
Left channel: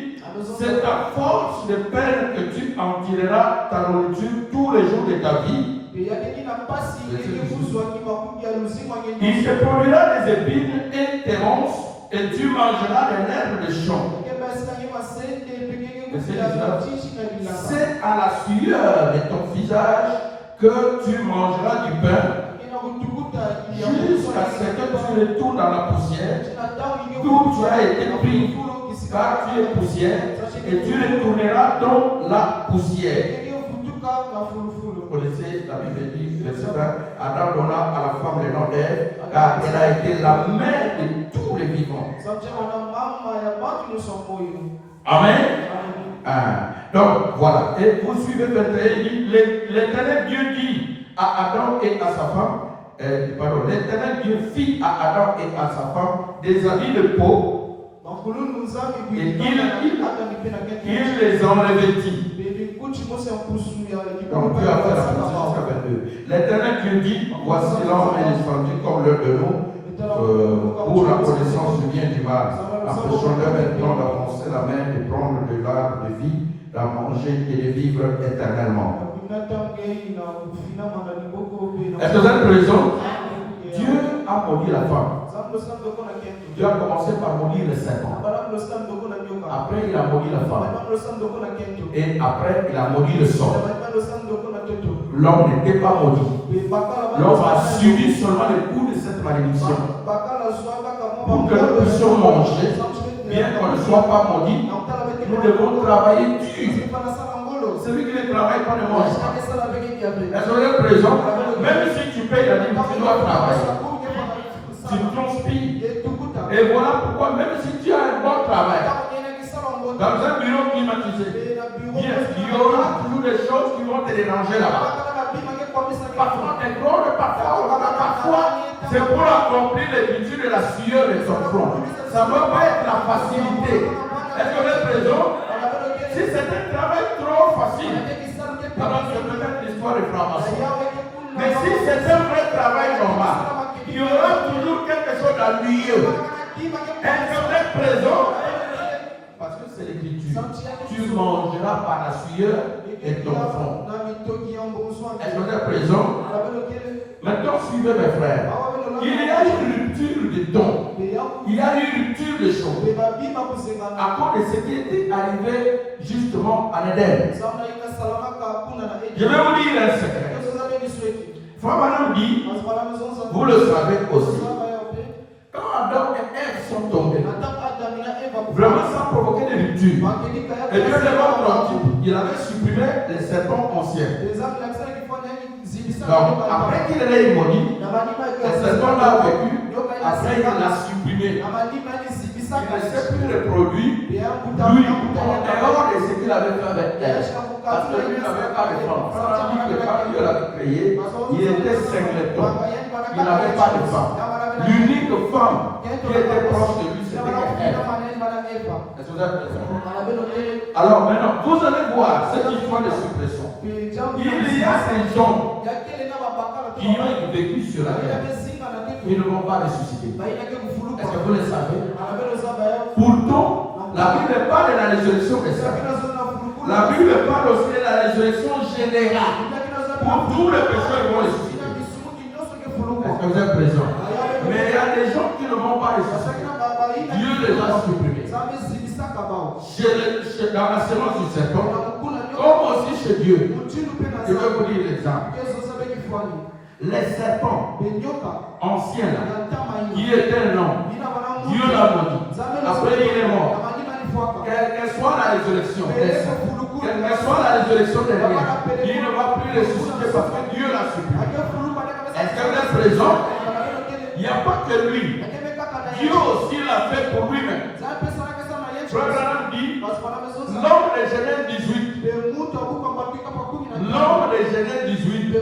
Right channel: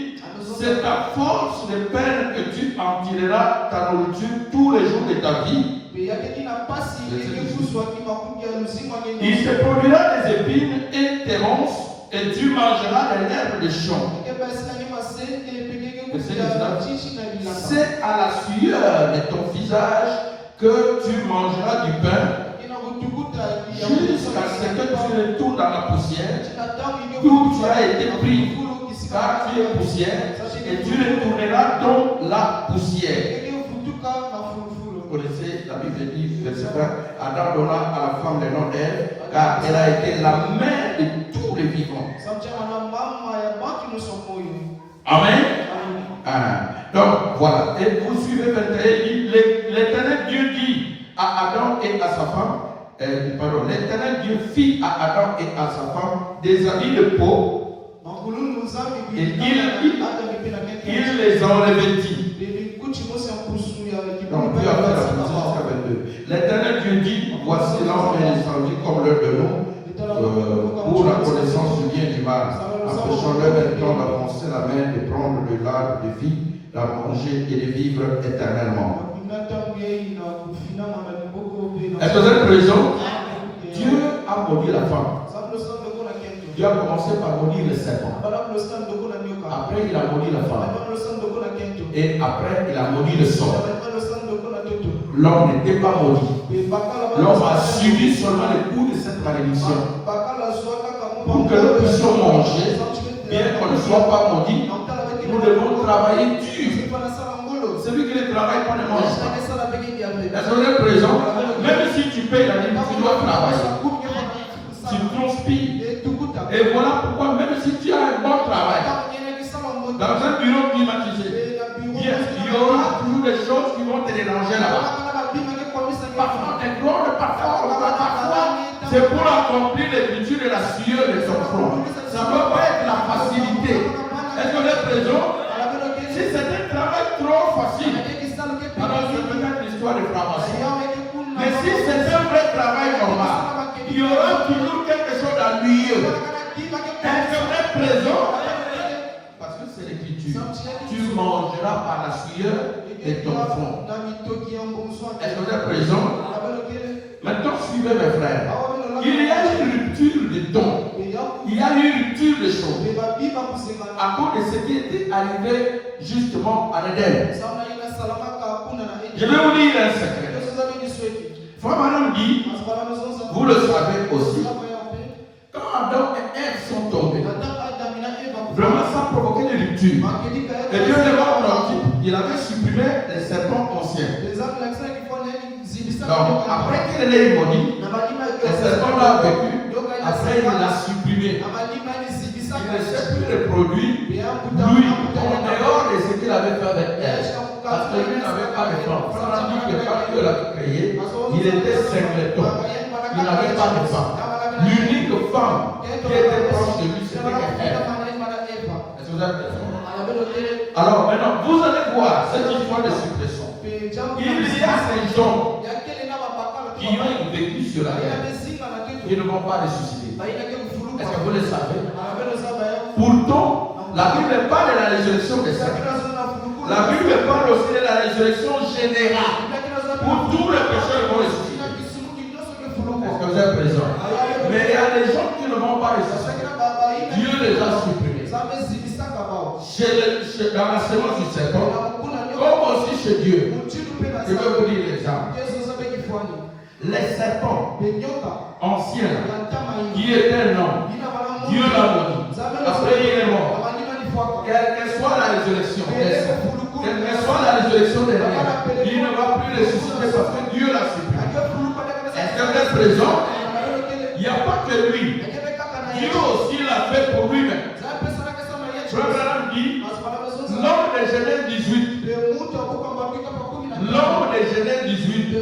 c'est à force de peine que tu en tireras ta nourriture tous les jours de ta vie. Il se produira des épines et des ronces, et tu mangeras de l'herbe des champs. C'est à la sueur de ton visage que tu mangeras du pain, jusqu'à ce que tu retournes dans la poussière, d'où tu as été pris, car tu es poussière, et tu retourneras dans la poussière. Vous connaissez, la Bible dit, verset 20, Adam donna à la femme le nom d'Ève, car elle a été la mère de tous les vivants. Amen. Donc voilà, et vous suivez 21, l'Éternel Dieu dit à Adam et à sa femme, l'Éternel Dieu fit à Adam et à sa femme des habits de peau, et il les en revêtit. Donc Dieu a fait la position jusqu'à 22. L'Éternel Dieu dit, voici l'homme est descendu comme l'un de nous, pour la connaissance du bien et du mal. Empêchons-le maintenant d'avancer la main, de prendre de l'arbre de vie, d'en manger et de vivre éternellement. Est-ce que vous êtes présent? Dieu a maudit la femme. Dieu a commencé par maudire le serpent. Après, il a maudit la femme. Et après, il a maudit le sol. L'homme n'était pas maudit. L'homme a subi seulement les coups de cette malédiction. Pour que nous puissions manger, bien qu'on ne soit pas maudit, nous devons travailler dur. Celui qui ne travaille pas ne mange pas. Est-ce que vous êtes présent? Même si tu payes la dîme, tu dois travailler. Tu transpires. Et voilà pourquoi, même si tu as un bon travail, dans un bureau climatisé, il y aura toujours des choses qui vont te déranger là-bas. Parfois, c'est pour accomplir l'écriture de la sueur de son front. Ça ne peut pas être la facilité. Est-ce que vous êtes présent? Si c'est un travail trop facile, alors c'est peut-être l'histoire de franc-maçon. Mais si c'est un vrai travail normal, il y aura toujours quelque chose d'ennuyeux. Est-ce que vous êtes présent? Parce que c'est l'écriture. Tu mangeras par la sueur de ton front. Est-ce que vous êtes présent? Maintenant, suivez mes frères. Il y a une rupture de dons. Il y a une rupture de choses. À cause de ce qui était arrivé justement à l'Éden. Je vais vous dire un secret. Frère Manon dit, vous le savez aussi, quand Adam et Ève sont tombés, vraiment ça a provoqué des ruptures. Et Dieu les a tranquilles. Il avait supprimé les serpents anciens. Donc, après qu'il ait maudit, les serpents l'ont vécu. Après, il l'a supprimé. Il ne s'est plus reproduit. Lui, en dehors de ce qu'il avait fait avec elle. Parce que lui n'avait pas de femme. Tandis que quand Dieu l'avait créé, il était singleton. Il n'avait pas de femme. L'unique femme qui était proche de lui, c'était elle. Est-ce que vous avez raison? Alors maintenant, vous allez voir cette histoire de suppression. Il y a ces gens qui ont vécu sur la terre. Ils ne vont pas ressusciter. Est-ce que vous le savez? Pourtant, la Bible parle de la résurrection des saints. La Bible parle aussi de la résurrection générale. Pour tous les pécheurs vont ressusciter. Est-ce que vous êtes présents? Mais il y a des gens qui ne vont pas ressusciter. Dieu les a supprimés. Dans la séance du serpent, comme aussi chez Dieu, je vais vous dire l'exemple. Les serpents anciens, qui était un homme, Dieu l'a maudit. Après, il est mort. Quelle que soit la résurrection, quelle que soit la résurrection dernière, il ne va plus ressusciter parce que Dieu l'a supprimé. Est-ce que vous êtes présent? Il n'y a pas que lui. Dieu aussi l'a fait pour lui-même. Abraham dit, l'homme de Genèse 18, l'homme de Genèse 18,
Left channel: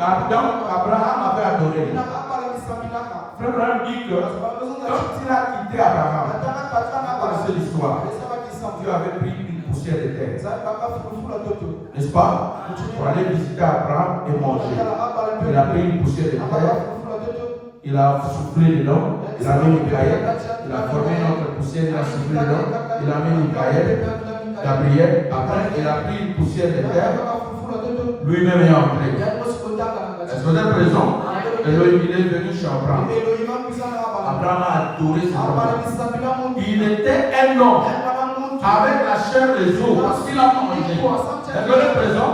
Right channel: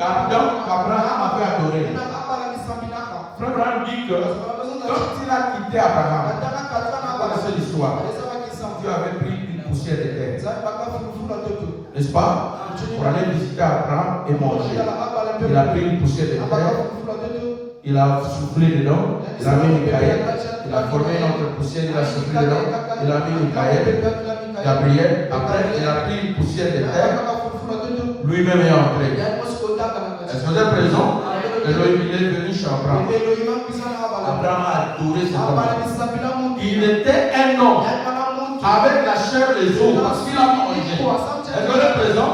Abraham avait adoré. Abraham dit que quand il a quitté Abraham, c'est l'histoire, Dieu avait pris une poussière de terre, n'est-ce pas, pour aller visiter Abraham et manger. Il a pris une poussière de terre, il a soufflé dedans, il a mis Michael, il a formé une autre poussière, il a soufflé dedans, il a mis Michael, Gabriel. Après, il a pris une poussière de terre, lui-même est entré. Est-ce que vous êtes présent? Il est venu chez Abraham. Abraham a adoré cet homme. Il était un homme avec la chair et les os parce qu'il a mangé. Est-ce que vous êtes présent?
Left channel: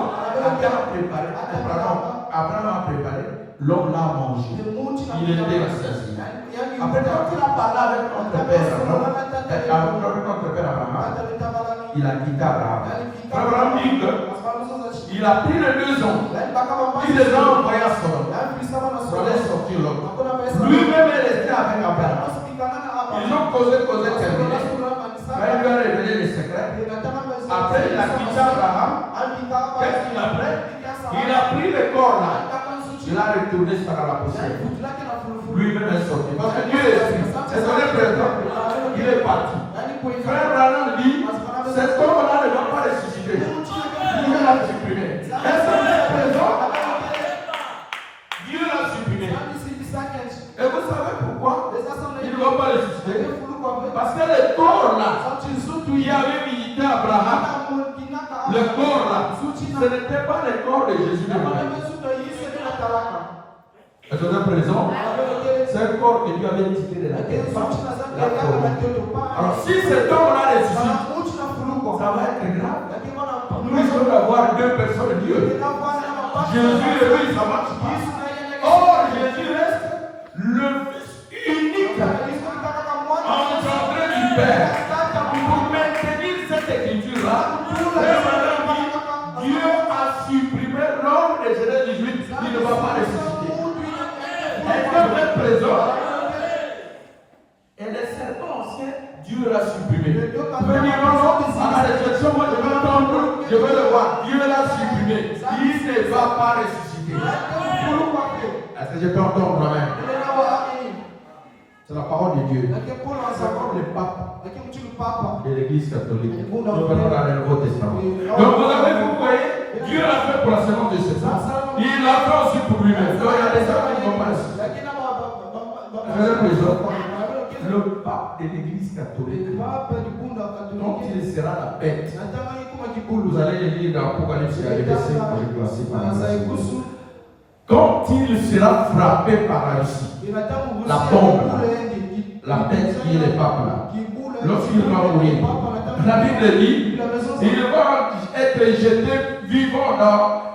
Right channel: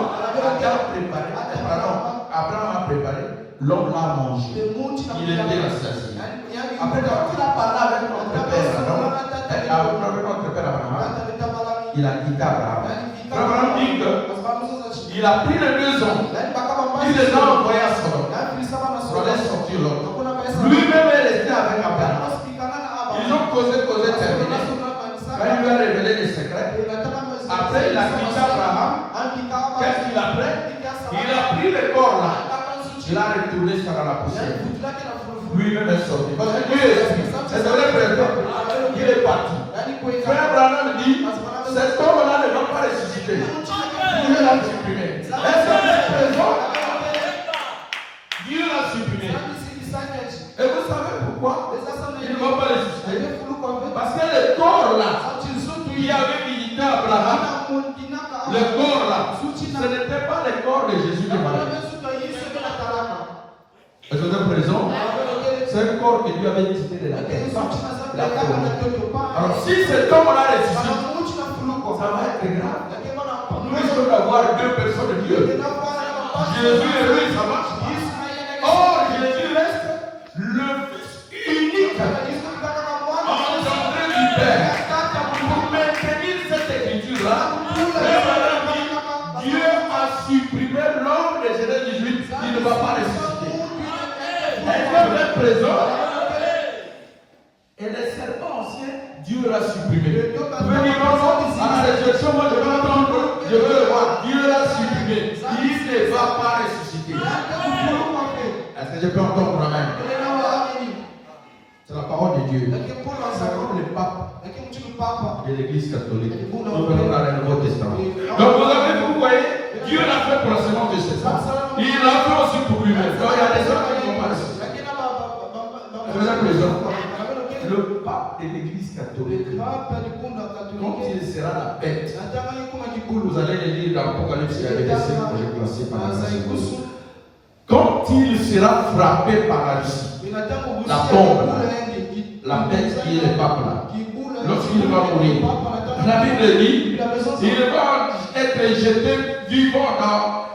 Abraham a préparé, l'homme l'a mangé. Il était rassasié. Après, quand il a parlé avec notre père Abraham, il a quitté Abraham. Abraham dit qu'il a pris les deux hommes. Il les a envoyés à Sodome. Pour aller sortir l'autre. Lui-même est resté avec Abraham. Ils ont causé, terminé. Il lui a révélé les secrets. Après, il a quitté Abraham. Qu'est-ce qu'il a fait? Il a pris le corps là. Il a retourné ça dans la poussière. Lui-même est sorti. Parce que Dieu est esprit. C'est son présent. Il est parti. Frère Abraham dit, cet homme-là ne va pas ressusciter. Dieu l'a supprimé. Est-ce que c'est présent? Dieu l'a supprimé. Et vous savez pourquoi il ne va pas ressusciter? Parce que le corps là, qui avait visité Abraham, le corps là, ce n'était pas le corps de Jésus de Marie. Est-ce que vous êtes présent? C'est un corps que Dieu avait visité de la terre. Alors si cet homme-là ressuscite, ça va être grave. Nous risquons d'avoir deux personnes de Dieu. Jésus et lui, ça marche pas. Or, Jésus reste le Fils unique engendré du Père. Pour maintenir cette écriture-là, Dieu a supprimé l'homme de Genèse 18. Il ne va pas ressusciter. Est-ce que vous êtes présent? Et les serpents anciens, Dieu l'a supprimé. Vous pouvez dire non, à la résurrection, moi je veux l'entendre, je veux le voir. Dieu l'a supprimé. Il ne va pas ressusciter. Est-ce que je peux entendre moi-même? C'est la parole de Dieu. C'est la parole du pape de l'Église catholique. Nous venons dans le Nouveau Testament. Donc vous voyez, Dieu l'a fait pour la sémence de ses saints. Il l'a fait aussi pour lui-même. Donc il y a des gens qui ne vont pas ressusciter. Le pape de l'Église catholique, quand il sera la bête, vous allez le lire dans l'Apocalypse, il y a des versets que j'ai classés par exemple. Quand il sera frappé par la Russie, la bombe, la bête qui est le pape là, lorsqu'il va mourir, la Bible dit, il va être jeté vivant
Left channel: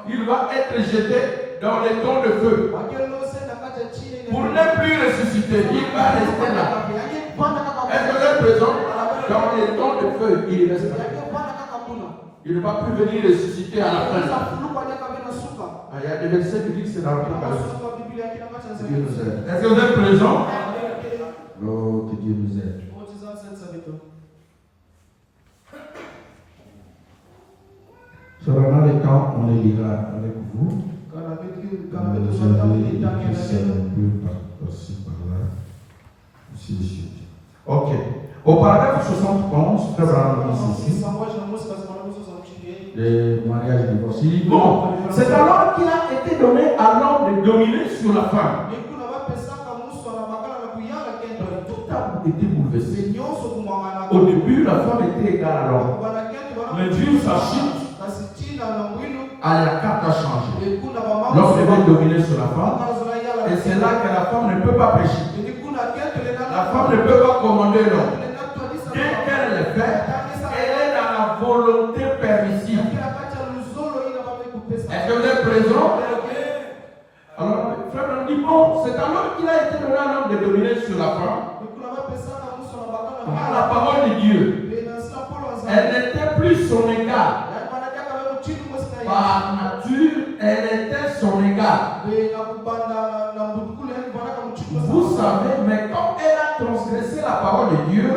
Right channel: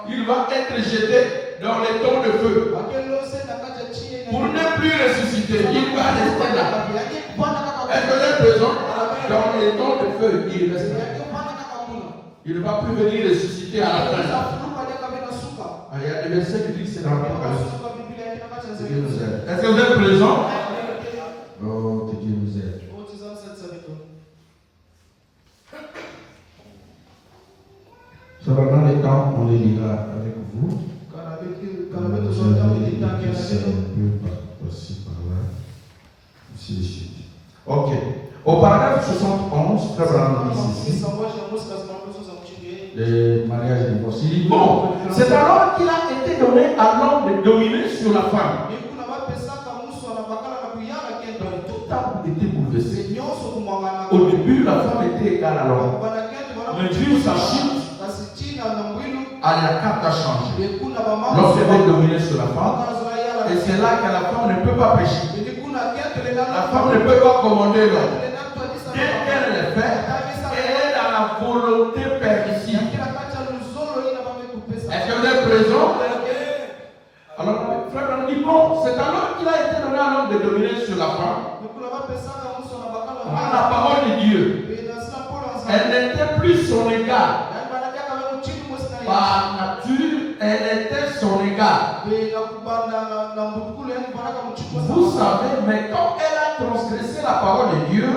il va être jeté dans les temps de feu. Pour ne plus ressusciter, il va rester là. Est-ce que vous êtes présent? Dans les temps de feu, il reste là. Il ne va plus venir ressusciter à la fin. Il y a des versets qui disent que c'est dans l'Apocalypse. Dieu nous aide. Est-ce que vous êtes présent? Oh, que Dieu nous aide. Sur le temps, on les lira avec vous. Ainsi de suite. Ok. Au paragraphe 71, Frère Abraham dit ceci. des mariages et divorces. Il dit bon, c'est alors qu'il a été donné à l'homme de dominer sur la femme. Tout a été bouleversé. Au début, la femme était égale à l'homme. Mais vu sa chute, la carte a changé. L'homme devait dominer sur la femme. Et c'est là que la femme ne peut pas pécher. La femme ne peut pas commander l'homme. Dès qu'elle le fait, elle est dans la volonté permissive. Est-ce que vous êtes présent? Alors, frère, on dit bon, c'est alors qu'il a été donné à l'homme de dominer sur la femme. Par la parole de Dieu. Elle n'était plus son égale. Par nature, elle était son égale. Vous savez, mais quand elle a transgressé la parole de Dieu,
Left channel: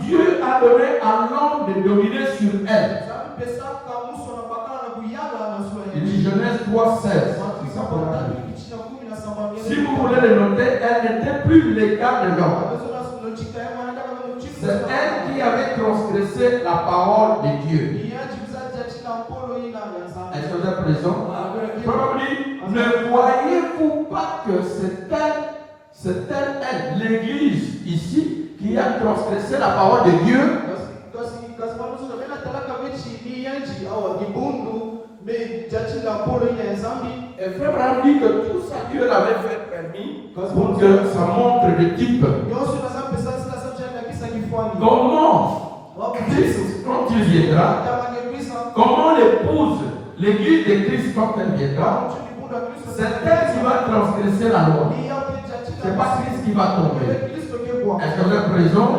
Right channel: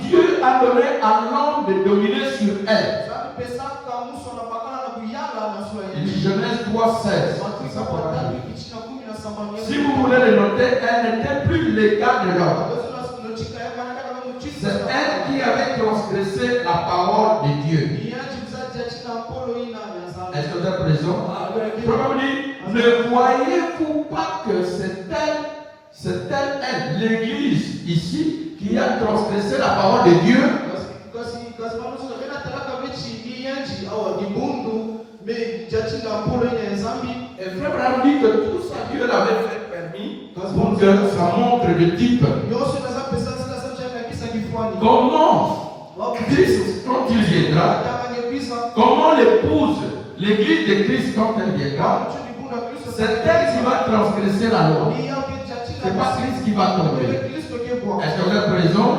Dieu a donné à l'homme de dominer sur elle. Il dit Genèse 3:16. Si vous voulez le noter, elle n'était plus l'égale de l'homme. C'est elle qui avait transgressé la parole de Dieu. Est-ce que vous êtes présent? Ne voyez-vous pas que c'est elle, l'Église ici, qui a transgressé la parole de Dieu? Et frère Abraham dit que tout ça Dieu l'avait fait permis pour que ça montre le type. Comment Christ, quand il viendra, comment l'épouse, l'église de Christ, quand elle viendra, c'est elle qui va transgresser la loi. Ce n'est pas Christ qui va tomber. Est-ce que vous êtes présent?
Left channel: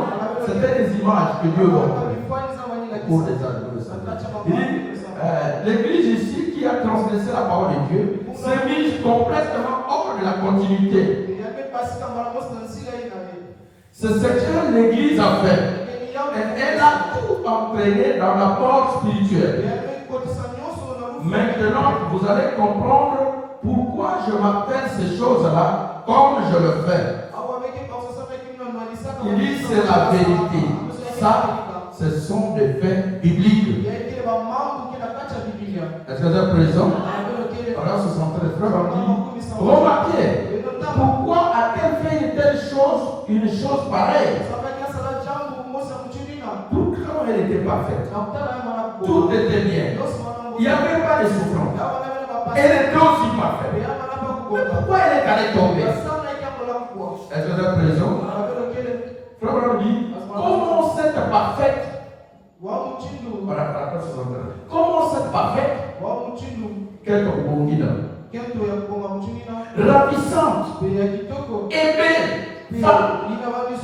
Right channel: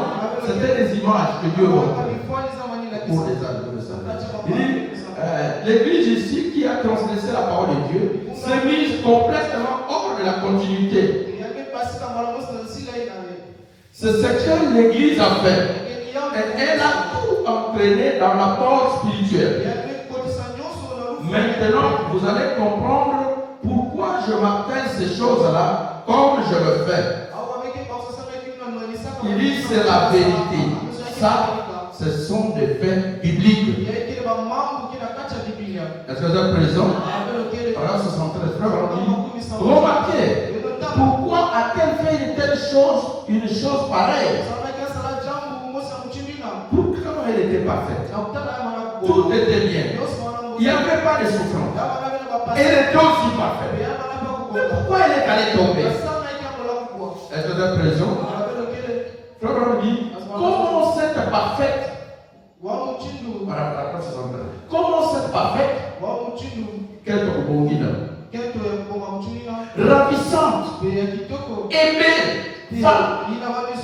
C'était des images que Dieu montre pour les adolescents. Il dit, l'église ici qui a transgressé la parole de Dieu s'est mise complètement hors de la continuité. C'est ce que l'église a fait. Elle a tout entraîné dans la mort spirituelle. Maintenant, vous allez comprendre pourquoi je m'appelle ces choses-là comme je le fais. Il dit c'est la vérité. Ça, ce sont des faits bibliques. Est-ce que vous êtes présent? Alors, ce sont très frères. On dit, remarquez, pourquoi a-t-elle fait une chose pareille? Pourquoi elle était parfaite? Tout était bien. Il n'y avait pas de souffrance. Elle était aussi parfaite. Mais pourquoi elle est allée tomber? Est-ce que vous êtes présent? Frère on dit, comment cette parfaite? Comment cette parfaite? Quel ravissante, aimée, femme,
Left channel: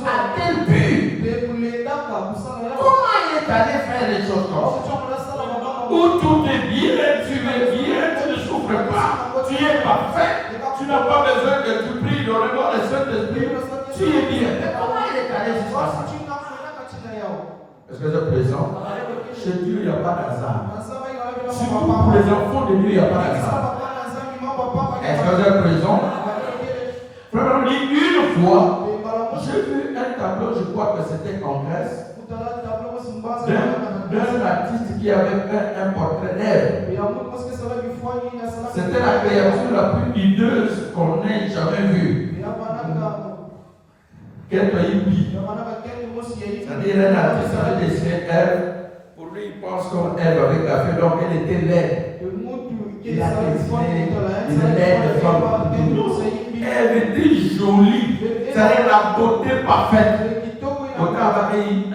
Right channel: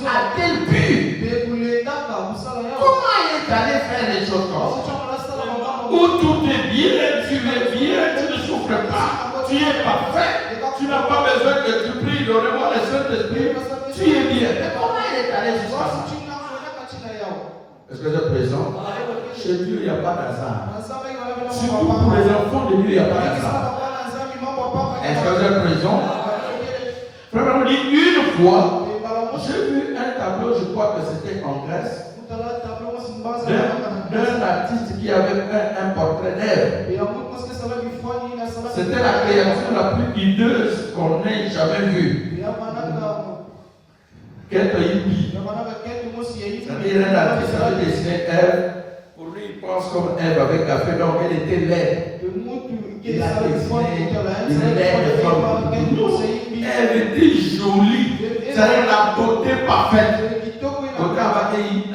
a-t-elle pu? Comment elle est allée faire les choses comme ça? Où tout est bien, tu es bien, tu ne souffres pas, tu es parfait, tu n'as pas besoin que tu pries, donne-moi le Saint-Esprit, tu es bien. Mais comment elle est allée jusqu'à ça? Est-ce que vous êtes présent? Chez Dieu, il n'y a pas d'hasard. Surtout pour les enfants de Dieu, il n'y a pas d'hasard. Est-ce que vous êtes présent? Frère, on dit une fois, j'ai vu un tableau, je crois que c'était en Grèce, d'un artiste qui avait fait un portrait d'Ève. C'était la créature la plus hideuse qu'on ait jamais vue. Quel pays? C'est-à-dire un artiste avait dessiné Ève. Pour lui, il pense comme Ève avec la fée, donc elle était laide. Il a dessiné une laide femme. Elle était jolie. C'est-à-dire la beauté parfaite. On va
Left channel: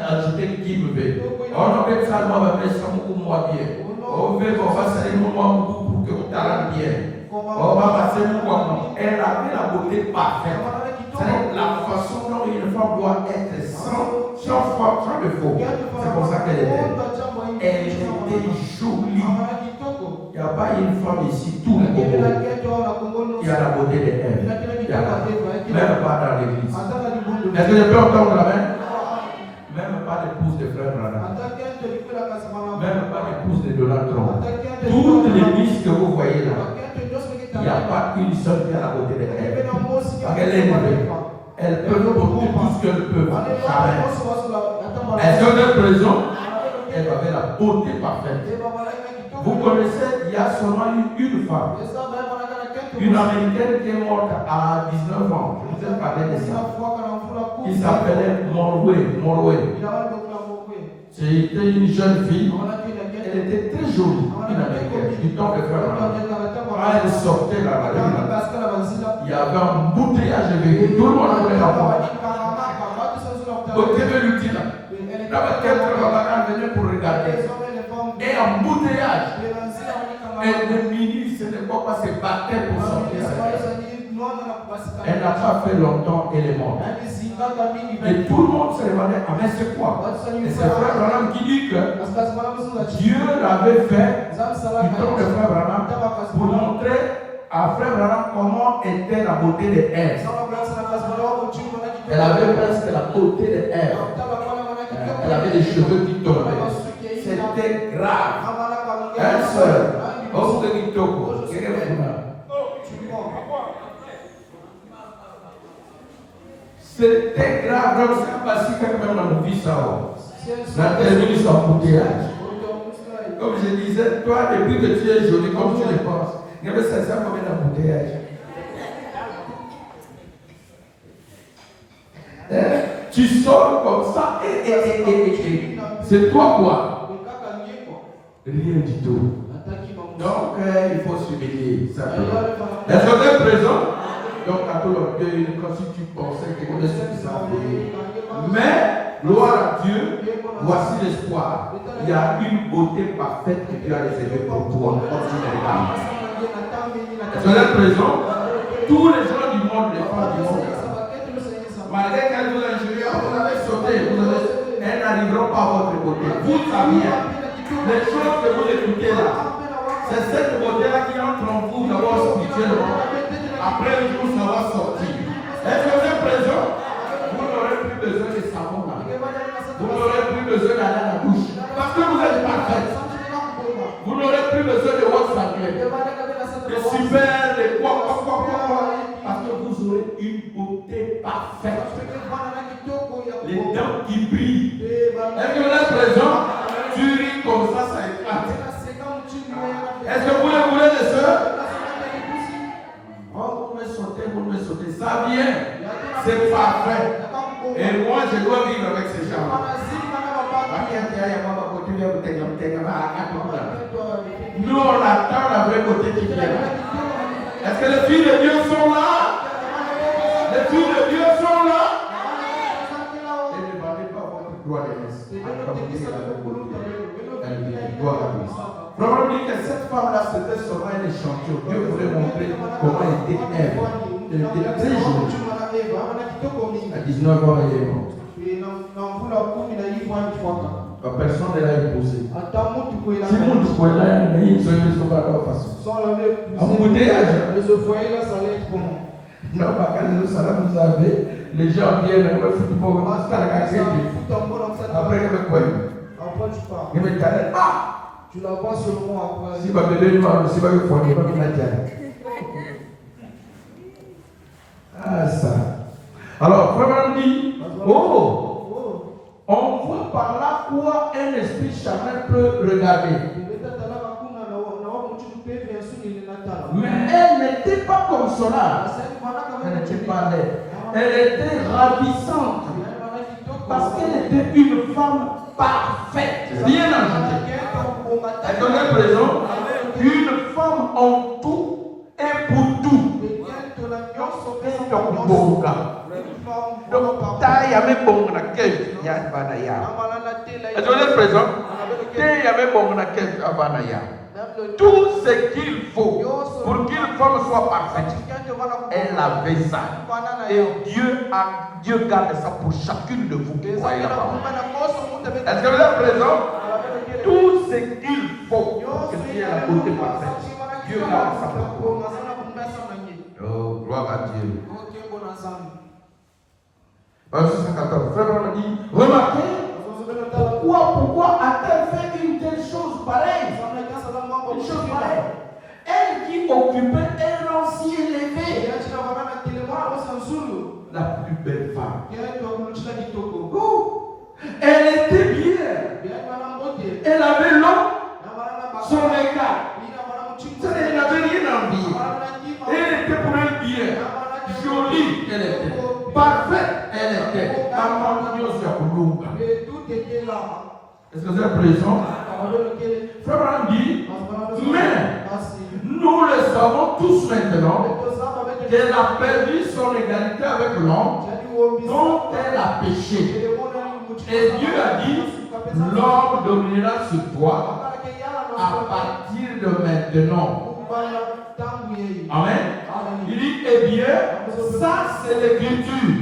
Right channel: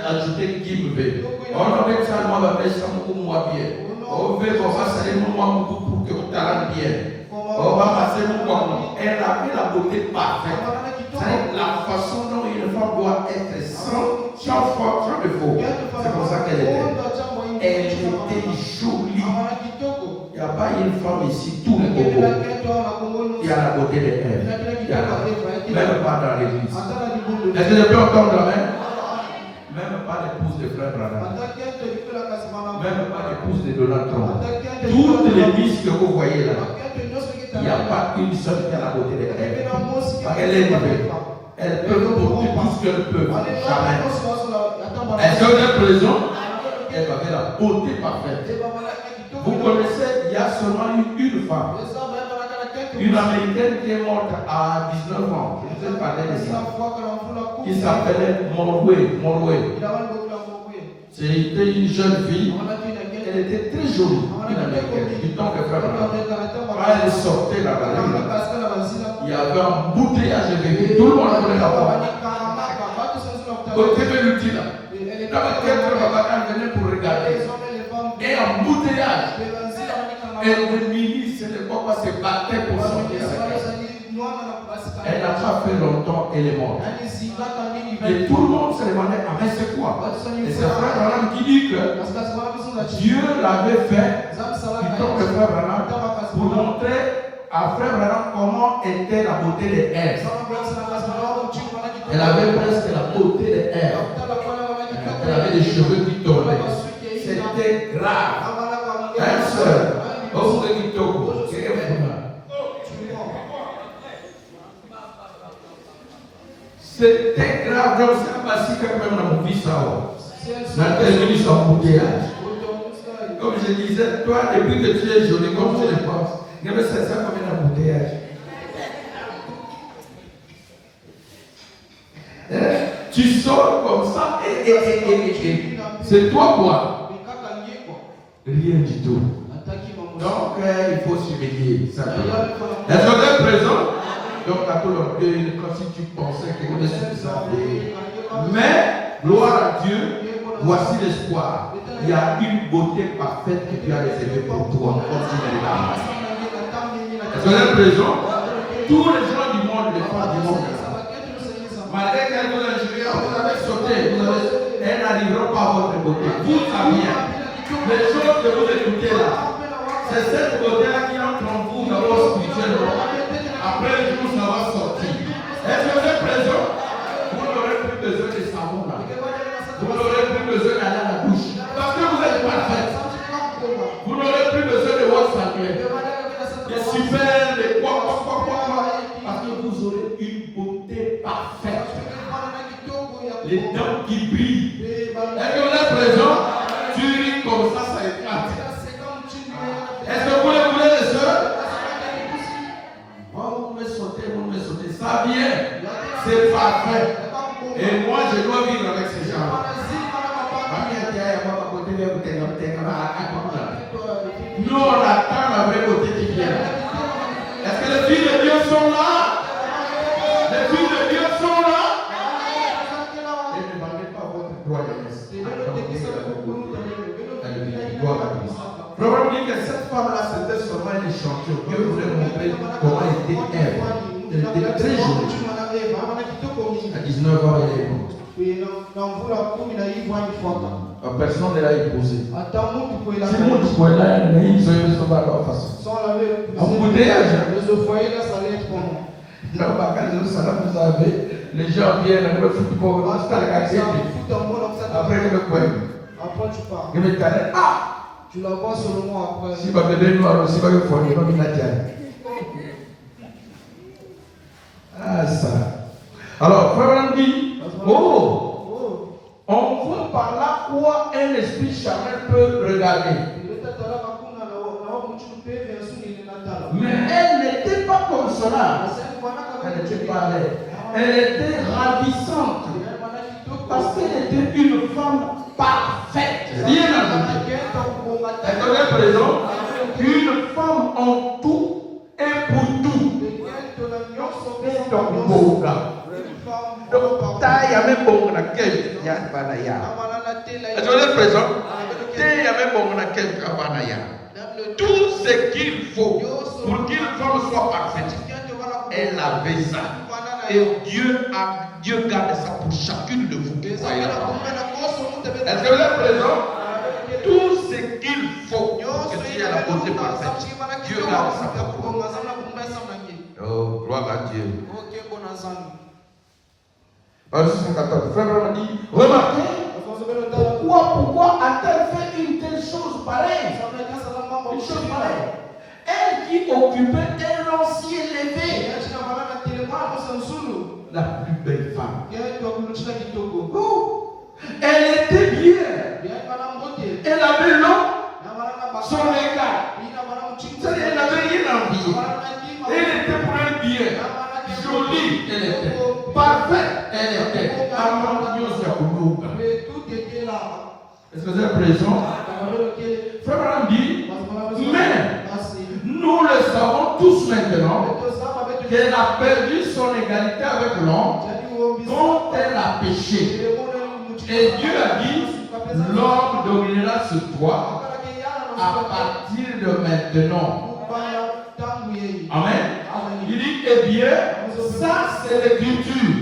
ajouter qui me veut. On va ça, moi, va faire ça moi bien. On veut qu'on fasse ça moi pour que vous t'arrêtez bien. On va passer moi. Elle a la beauté parfaite. C'est la façon dont une femme doit être sans défaut. C'est pour ça qu'elle était. Elle était jolie. Il n'y a pas une femme ici, tout le monde. Il y a la beauté de elle. Même pas dans l'église. Est-ce que je peux entendre la main? Même pas d'épouse de frère Branham. Même pas d'épouse de Donald Trump. Toutes les miss que vous voyez là, il n'y a pas une seule qui a la beauté de elle. Parce qu'elle est élevée. Elles peuvent porter tout ce qu'elles peuvent. Jamais. Est-ce que vous êtes présent? Elle avait la beauté parfaite. Vous connaissez, il y a seulement une femme, une américaine qui est morte à 19 ans. Je vous ai parlé de ça. Qui s'appelait Morway. C'était une jeune fille. Elle était très jolie, une américaine, du temps de Frère. Quand elle sortait là-bas, il y avait un bouteillage de bébé. Tout le monde voulait la voir. Au TV l'ultime. Là-bas, quelqu'un venait pour regarder. Et un bouteillage. Et le ministre, ce n'est pas se battait pour sortir. Elle n'a pas fait longtemps, elle est morte. Et tout le monde se demandait, ah mais c'est quoi? Et c'est Frère Branham qui dit que Dieu l'avait fait du temps de Frère Branham pour montrer à Frère Branham comment était la beauté de Ève. Elle avait presque la beauté de Ève. Elle avait des cheveux qui tombaient. C'était grave. Un seul. C'était grave. Je ne sais pas si quelqu'un a vu ça. La télévision embouteillage. Comme je disais, toi, depuis que tu es jolie, comme tu le penses, il y avait 500 combien d'embouteillage. Tu sors comme ça et c'est toi quoi? Rien du tout. Donc il faut surveiller simplement. Les autres présents, donc à tout l'orgueil, comme si tu pensais que vous êtes suffisant. Mais, gloire à Dieu, voici l'espoir. Il y a une beauté parfaite que Dieu a réservée pour toi. Les autres présents, tous les gens du monde, les femmes du monde, malgré qu'elles vous injurient, vous avez sauté, elles n'arriveront pas à votre beauté. Vous saviez, les choses que vous écoutez là, c'est cette beauté-là qui entre en vous d'abord spirituellement. Après le jour, ça va sortir. Est-ce que vous êtes présent? Vous n'aurez plus besoin de savon là. Vous n'aurez plus besoin d'aller à la douche. Parce que vous êtes parfait. Vous n'aurez plus besoin de votre saluer. De super, de quoi. Parce que vous aurez une beauté parfaite. Les dents qui brillent. Est-ce que vous êtes présent? Tu ris comme ça éclate. Est-ce que vous le voulez, les soeurs? Oh, vous me sautez, ça vient. C'est parfait. Et moi, je dois vivre avec ces gens. Nous, on attend la vraie beauté qui vient. Est-ce que les filles de Dieu sont là? Les filles de Dieu sont là? Et ne vendez pas votre gloire de messe. Probablement dit que cette femme-là, c'était seulement une échantillon. Dieu voulait montrer comment était Ève. Elle était très jolie. À 19 ans, elle est morte. Personne ne l'a épousée. Si nous pouvons là, il se met de la façon. Embouteillage. Non, pas quand nous allons, vous avez, les gens viennent, le football, après le coin. Il me dit, ah! Tu la vois seulement après. Si vous avez noir, si vous avez fourni, vous avez la terre. Ah, ça. Alors, Frère dit, on voit par là quoi un esprit charnel peut regarder. Mais elle n'était pas consolable. Elle n'était pas laide. Elle était ravissante. Parce qu'elle était une femme parfaite. Rien à ajouter. Elle est présent. Une femme en tout et pour tout. Tout ce qu'il faut pour qu'une femme soit parfaite, elle avait ça. Et Dieu garde ça pour chacune de vous. Est-ce que vous êtes présent? Tout ce qu'il faut pour que tu aies la beauté parfaite, Dieu garde ça pour toi. Oh, gloire à Dieu. Verset 114. Frère Branham dit, remarquez, pourquoi a-t-elle fait une telle chose pareille? Une chose pareille. Elle qui occupait un ancien élevé, la plus belle femme. Elle était bien. Elle avait l'eau, son égal. C'est-à-dire, elle n'avait rien à envier. Elle était pour elle bien, jolie, elle était, parfaite, elle était. Est-ce que vous êtes présent? Frère Branham dit, mais nous le savons tous maintenant qu'elle a perdu son égalité avec l'homme dont elle a péché. Et Dieu a dit, l'homme dominera sur toi à partir de maintenant. Amen. Il dit, eh bien, ça c'est l'écriture.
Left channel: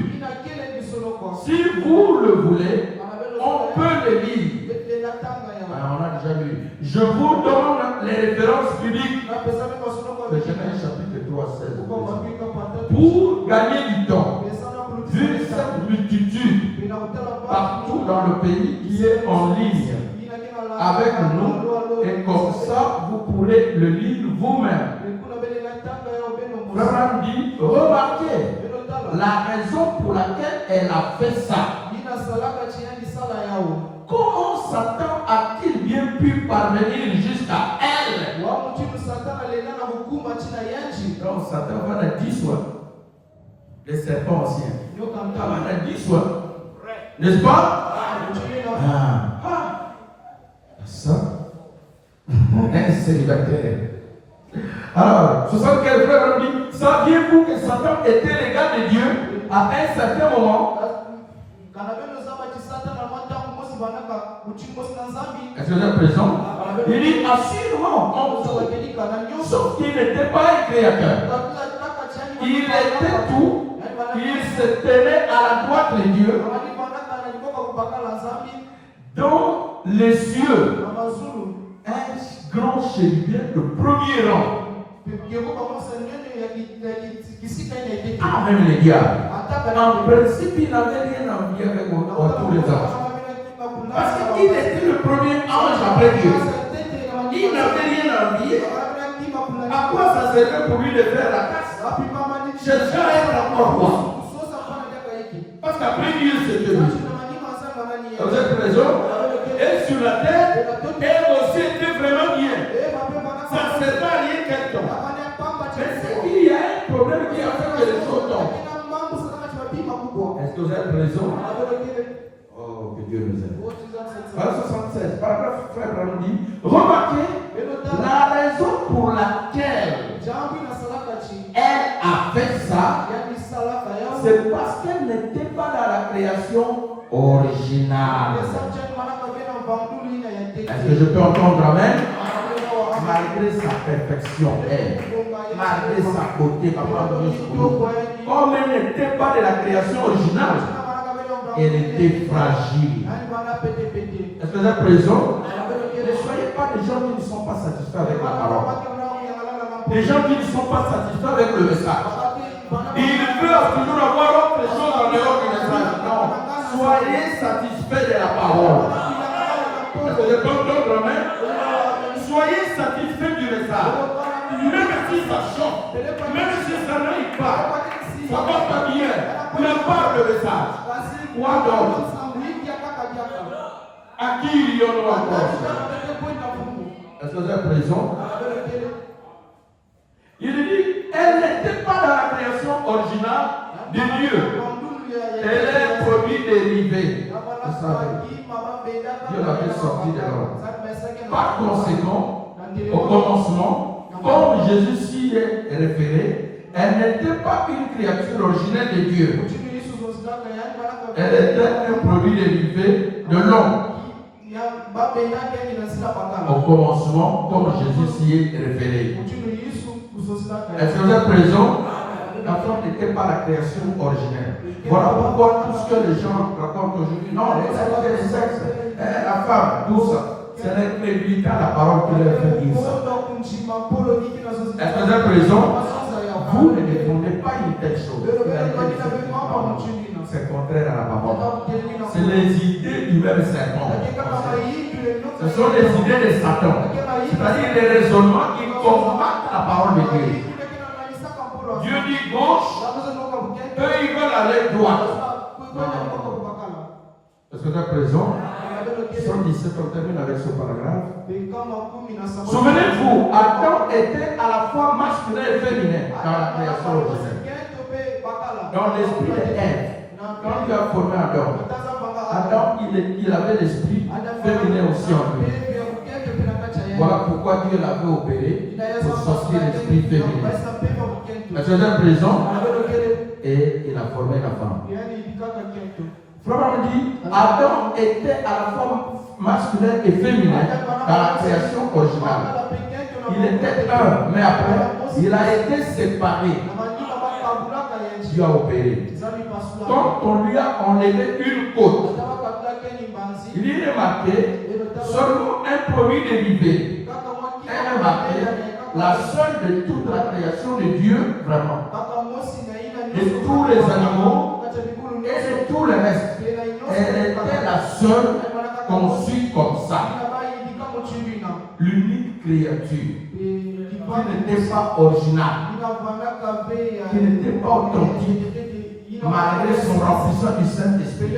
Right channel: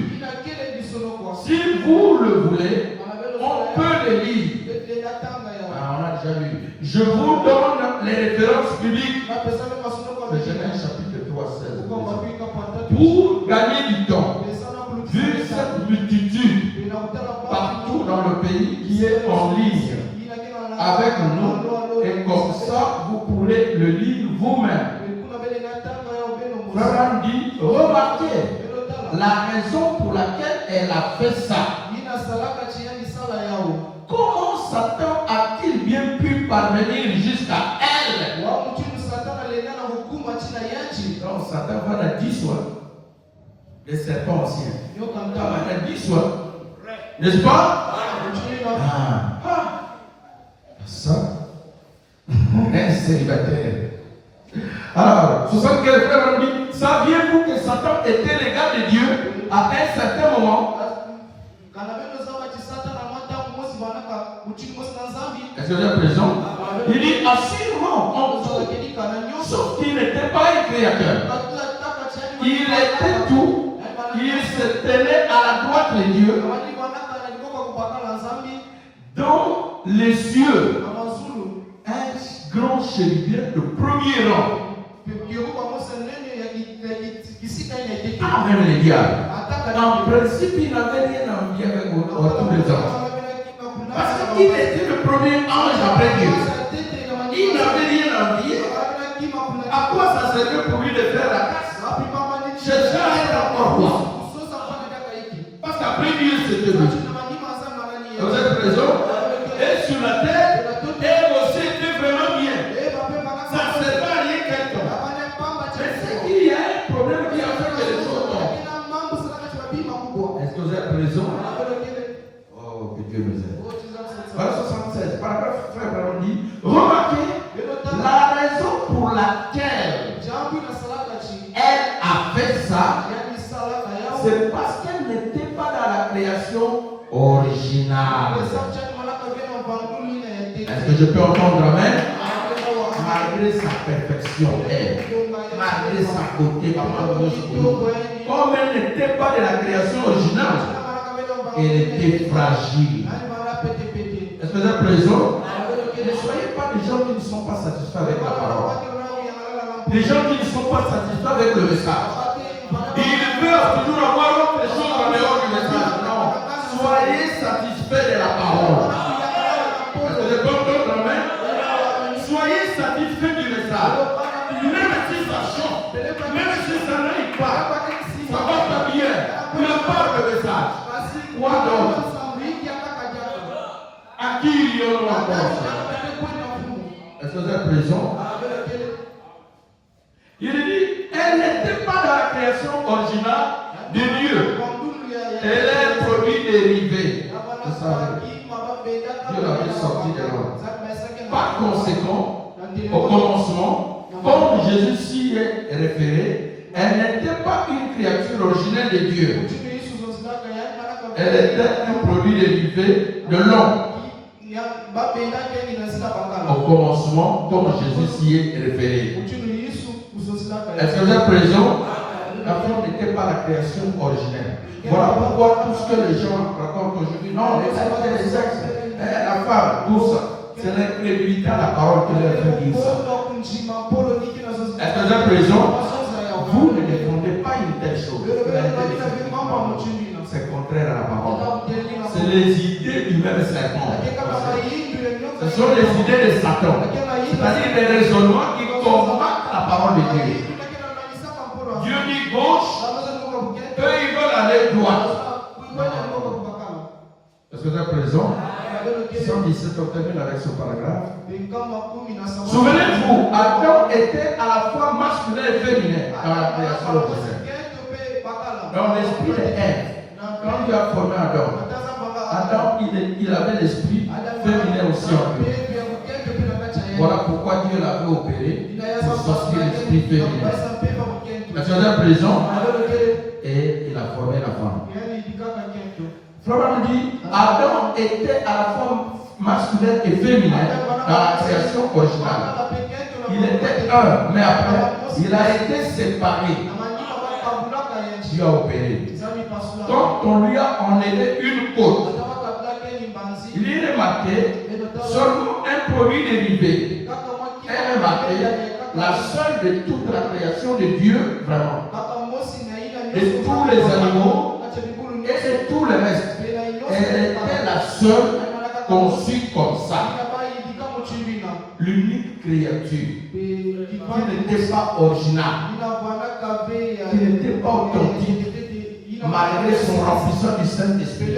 Si vous le voulez, on peut le lire. Alors, on a déjà lu. Je vous donne les références bibliques. Le Genèse chapitre 3, 16. Pour gagner du temps, vu cette multitude partout dans le pays qui est en ligne avec nous, et comme ça, vous pourrez le lire vous-même. Frère dit, remarquez la raison pour laquelle elle a fait ça. Comment Satan a-t-il bien pu parvenir jusqu'à elle? Donc Satan va la dissoudre. Les serpents anciens. Il va la dissoudre. N'est-ce pas? Ça. Un célibataire. Alors, 75 frères ont dit, saviez-vous que Satan était l'égal de Dieu à un certain moment? Est-ce que vous êtes présent? Il dit assurément, sauf qu'il n'était pas un créateur. Il était tout, il se tenait à la droite de Dieu, dans les cieux, un grand chérubin de premier rang. Ah, même les diables. En principe, il n'avait rien à envier avec tous les anges. Parce qu'il était le premier ange après Dieu. Il n'avait rien à envier. À quoi ça servait pour lui de faire la casse? Chercher à être encore roi. Parce qu'après Dieu, c'était lui. Vous êtes présent? Et sur la terre, elle aussi était vraiment bien. Ça ne sert pas à rien quelqu'un. Mais c'est qu'il y a un problème qui a fait que les choses tombent. Est-ce que vous êtes présent? Oh, que Dieu nous aide. Alors 76, paragraphe frère Branham dit, remarquez la raison pour laquelle elle a fait ça, c'est parce qu'elle n'était pas dans la création originale. Est-ce que je peux entendre amen? Malgré sa perfection, elle, malgré sa beauté, comme elle n'était pas de la création originale, elle était fragile. Est-ce que vous êtes présent? Ne soyez pas des gens qui ne sont pas satisfaits avec la parole. Des gens qui ne sont pas satisfaits avec le message. Ils veulent toujours avoir autre chose en dehors du message. Non. Soyez satisfaits de la parole. Est-ce que vous êtes content, amen? Soyez satisfaits du message. Même si ça chante, même si ça n'aille pas, ça va pas bien. Prépare le message. Quoi donc? À qui il y a encore? Est-ce que vous êtes présent? Il dit, elle n'était pas dans la création originale de Dieu. Elle est un produit dérivé. Vous savez, Dieu l'avait sorti de l'homme. Par conséquent, au commencement, comme Jésus s'y est référé, elle n'était pas une créature originelle de Dieu. Elle était un produit dérivé de l'homme. Au commencement, comme Jésus s'y est référé. Est-ce que vous êtes présent? La femme n'était pas la création originelle. Voilà pourquoi tout ce que les gens racontent aujourd'hui, non, les sexes, la femme, tout ça, c'est l'incrédulité à la parole que les femmes disent. Est-ce que vous êtes présent? Vous ne défendez pas une telle chose. C'est contraire à la parole. C'est les idées du même serpent. Ce sont les idées de Satan. C'est-à-dire des raisonnements qui combattent la parole de Dieu. Dieu dit gauche, eux ils veulent aller droite. Est-ce que vous êtes présent? 117, on termine avec ce paragraphe. Souvenez-vous, Adam était à la fois masculin et féminin dans la création originelle. Dans l'esprit de Ève, quand Dieu a formé Adam, il avait l'esprit féminin aussi en lui. Voilà pourquoi Dieu l'avait opéré pour sortir l'esprit féminin. Est-ce que vous avez raison? Et il a formé la femme. Frère nous dit, Adam était à la fois masculin et féminin dans la création originale. Il était un, mais après, il a été séparé. Dieu a opéré. Quand on lui a enlevé une côte, il est remarqué seulement un produit dérivé. Elle est marquée la seule de toute la création de Dieu, vraiment. Et tous les animaux et de tout le reste. Elle était la seule conçue comme ça. L'unique créature qui n'était pas originale, qui n'était pas authentique, malgré son remplissement du Saint-Esprit,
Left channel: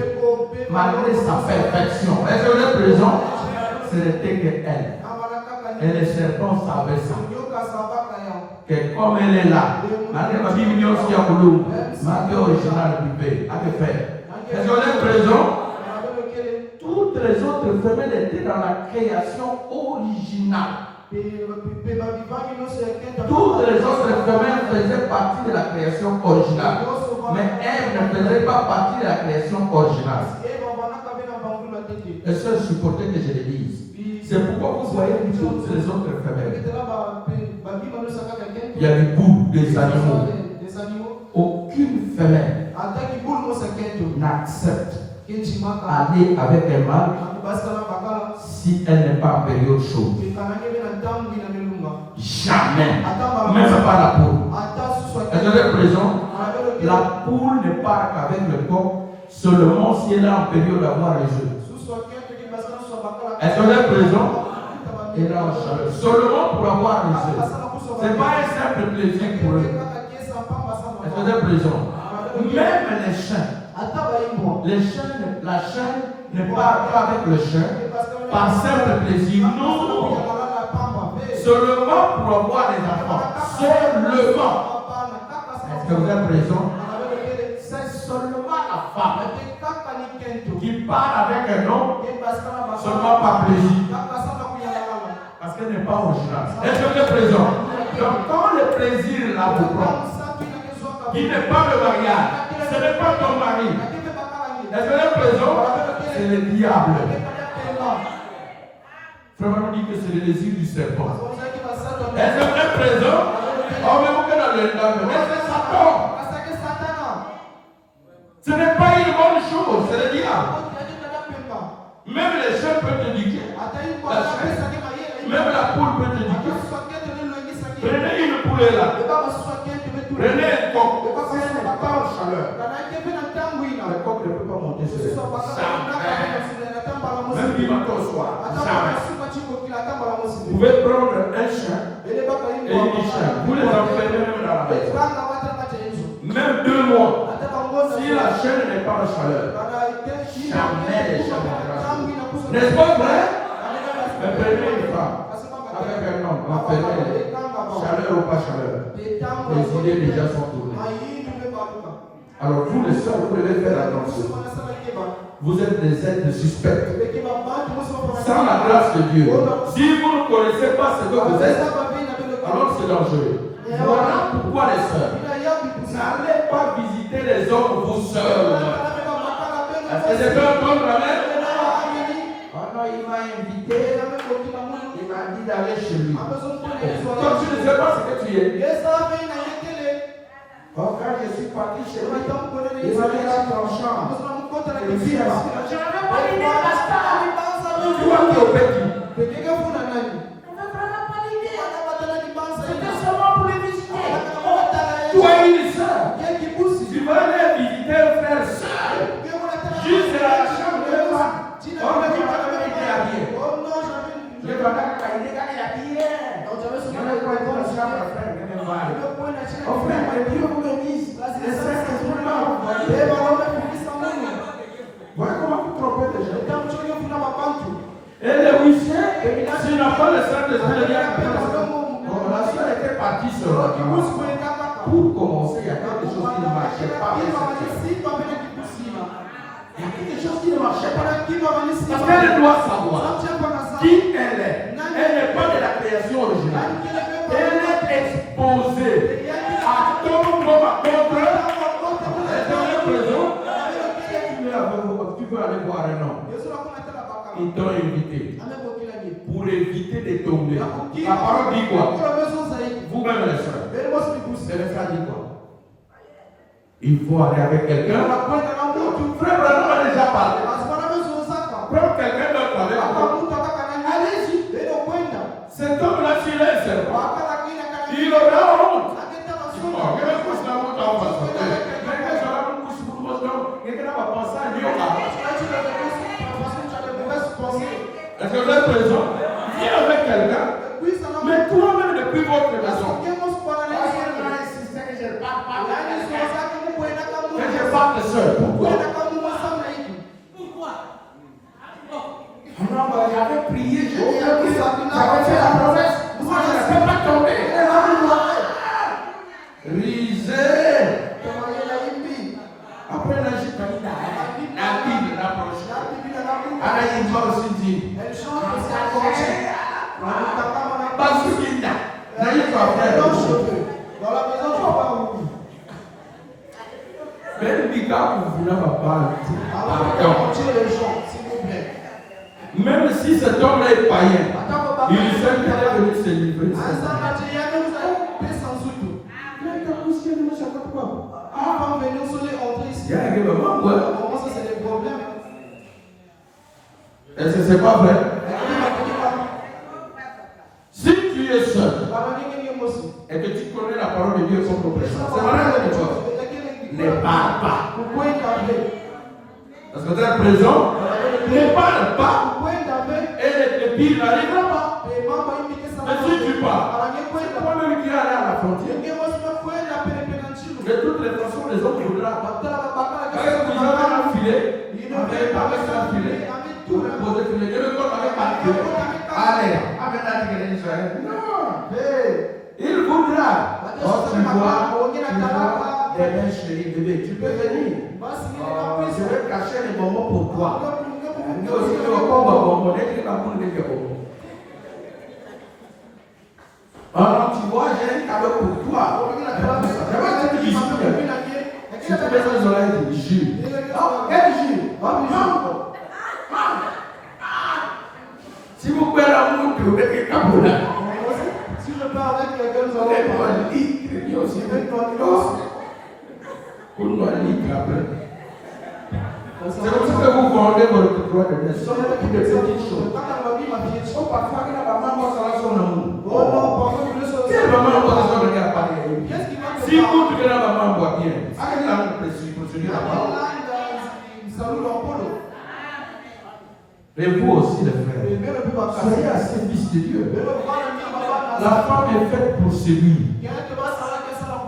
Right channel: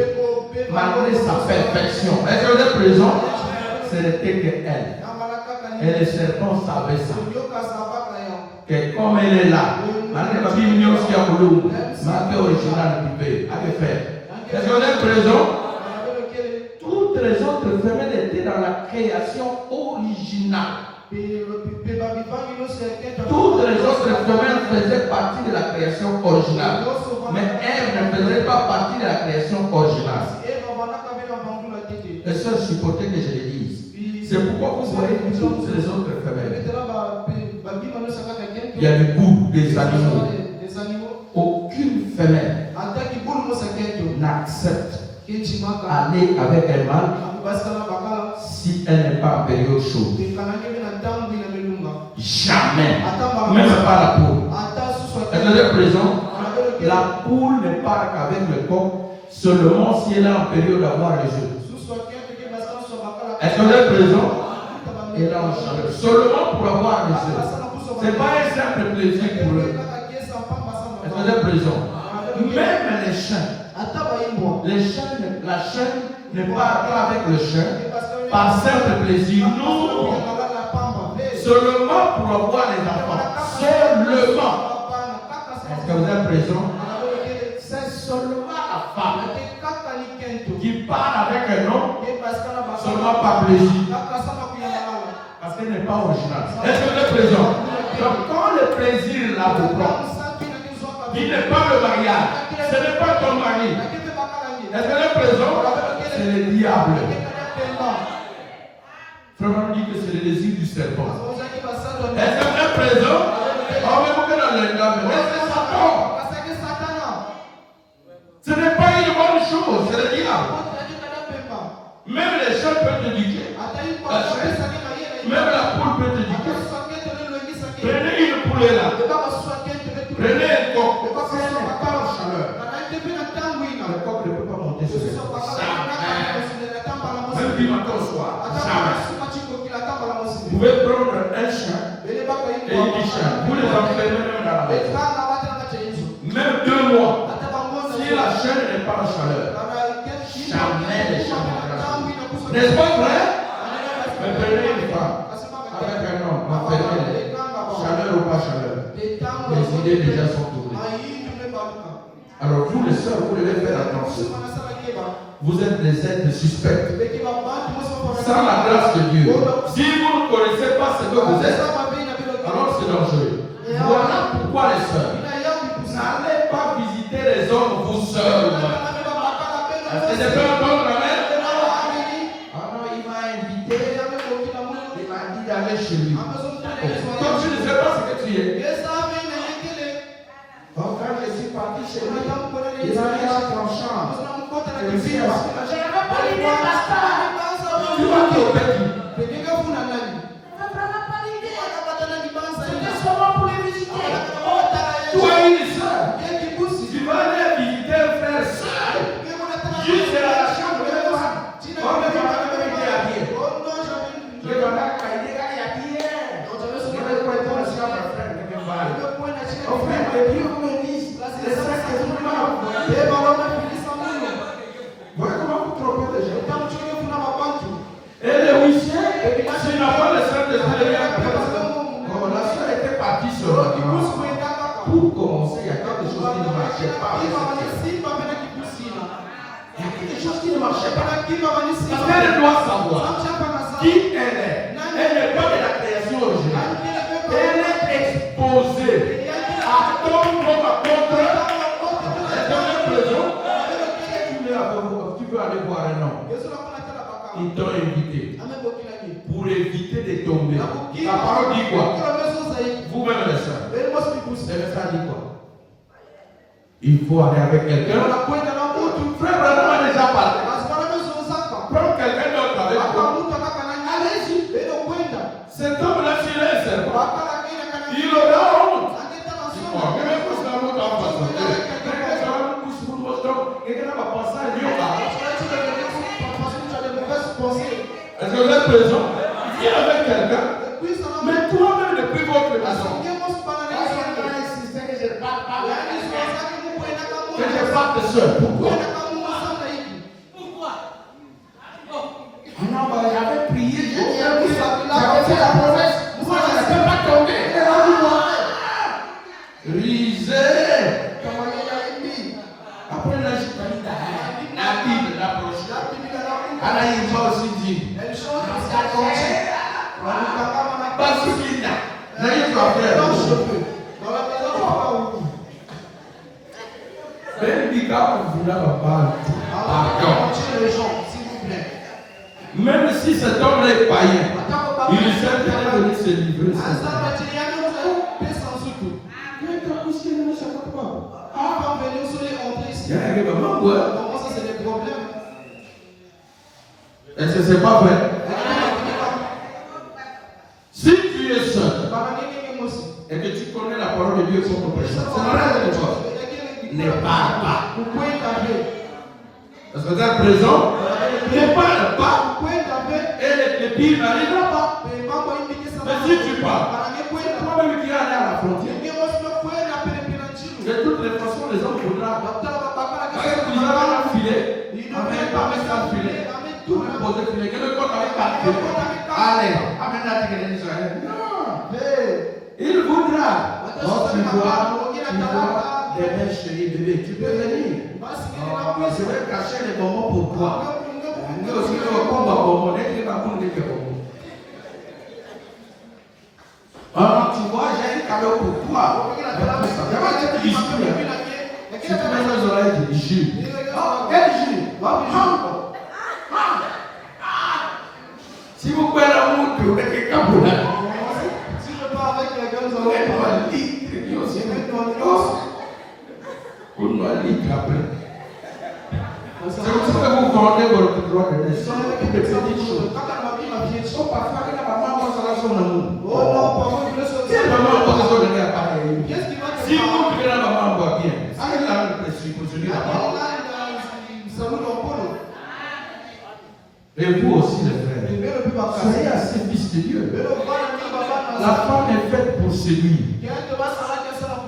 malgré sa perfection. Est-ce que vous êtes présent? Ce n'était qu'elle. Et les serpents savaient ça. Que comme elle est là, malgré la vie qui a voulu, malgré l'original privé, à que faire? Est-ce que vous êtes présent? Toutes les autres femelles étaient dans la création originale. Toutes les autres femelles faisaient partie de la création originale. Mais elles ne faisaient pas partie de la création originale. Et ça, supportez que je le dise. C'est pourquoi vous voyez toutes les autres femelles. Il y a du bout des animaux. Aucune femelle n'accepte aller avec un mâle si elle n'est pas en période chaude. Jamais. Même pas la poule. Est-ce que vous êtes présent? La poule ne part qu'avec le coq seulement si elle est en période d'avoir le jeu. Est-ce que vous êtes présent? Et là, seulement pour avoir les jeux. Ce n'est pas un simple plaisir pour eux. Est-ce que vous êtes présent? Même les chiens. La chaîne ne part pas avec le chien par simple plaisir. Non. Seulement pour avoir les enfants. Seulement. Est-ce que vous êtes présent? C'est seulement la femme qui part avec un homme seulement par plaisir. Parce qu'elle n'est pas originale. Est-ce que vous êtes présent? Donc quand le plaisir là vous prend, qui n'est pas le mariage, ce n'est pas ton mari. Est-ce que vous êtes présent? C'est le diable. Frère nous dit que c'est le désir du serpent. Est-ce que vous êtes présent? On va vous dans le diable. Mais c'est Satan. Ce n'est pas une bonne chose, c'est le diable. Même les chiens peuvent te dire. Même la poule peut te dire. Prenez une poule là. Prenez un coq. Si elle n'est pas en chaleur, le coq ne peut pas monter sur le toit. Même du matin au soir. Vous pouvez prendre un chien et une chien. Vous les enfermez même dans la maison. Même 2 mois. Si la chaîne n'est pas en chaleur, jamais les chiens ne. N'est-ce pas vrai? Mais prenez une femme avec un homme, enfermez-les. Chaleur ou pas chaleur. Les idées déjà sont tournées. Alors vous les sœurs, vous devez faire attention. Vous êtes des êtres suspects. Sans la grâce de Dieu. Si vous ne connaissez pas ce que vous êtes, alors c'est dangereux. Voilà pourquoi les sœurs, n'allez pas visiter les hommes vous seuls. Est-ce que j'ai fait entendre la mère? Ah non, il m'a invité. Il m'a dit d'aller chez lui. Comme tu ne sais pas ce que tu es. Oh, quand je suis parti chez lui, il m'a mis dans ton champ. Je suis assis. Tu vois qui est au petit? Tu as une soeur. Tu vas aller visiter un frère seul. Juste à la chambre de femme. Oh, mais tu m'as même été habillé. Je t'en ai habillé. Je vais prendre la chambre à frère. Oh, frère, que Dieu vous bénisse. C'est ça que je vous demande. Voilà comment vous trompez les gens. La soeur était partie sur le dimanche. Pour commencer, il y a quelque chose qui ne marchait pas. Il y a quelque chose qui ne marchait pas. Parce qu'elle doit savoir qui elle est. Elle n'est pas de la création originale. Elle est exposée à tout monde contre. Tu peux aller voir un homme. Ils t'ont invité pour éviter de tomber. La parole dit quoi? Vous-même les sœurs. Le message dit quoi? Il faut aller avec quelqu'un. Frère Branham a déjà parlé. Prends quelqu'un d'autre avec toi. Allez-y. Cet homme-là, s'il est servant, il aura honte. Est-ce que vous êtes présent? Viens avec quelqu'un, mais toi-même depuis votre maison. Que je parle de soeur. Pourquoi? Non, mais j'avais prié, j'avais fait la promesse. Moi, je ne peux pas tomber. Risez. Après, là, je t'ai dit, la Bible, la prochaine. Alors, il va aussi dire. Parce qu'il y a. Là, il va faire. Même si vous n'avez pas pardon. Même si cet homme est païen, il sait qu'il est venu se livrer. Est-ce que c'est pas vrai? Si tu es seul et que tu connais la parole de Dieu sans compréhension, c'est la règle de toi. Ne parle pas. Est-ce que vous êtes présent? Ne parle pas. Et le pire n'arrivera pas. Mais si tu parles, c'est toi-même qui es allé à la frontière. De toutes les façons, les hommes voudront. Parce que vous avez un filet, avec un filet, vous posez le filet, que le corps n'avait pas de filet. Allez, amène la tigre d'Israël. Non. Il voudra. Donc tu vois des mains chéries, bébé, tu peux venir. Je vais cacher les bonbons pour toi. Nous aussi, nous avons comme un bonbon, on est très bon pour les bonbons. Alors tu vois, j'ai un cadeau pour toi. Je vais te dire, si tu mets les oreilles, tu dis jus. Quel jus? Si vous prenez la montre, vous mettez le caboula. Si je pars avec les gars, vous allez voir litre. Vous nous litre après. C'est comme ça que vous vendez votre droit de naissance. Toutes les petites choses. Oh, parfois, la maman pense à la son amour. Oh non, parfois, si la maman pense à son appareil. Si vous que la maman voit bien, avec la précision, la parole. Et vous aussi, les frères, soyez assez fils de Dieu. La femme est faite pour séduire.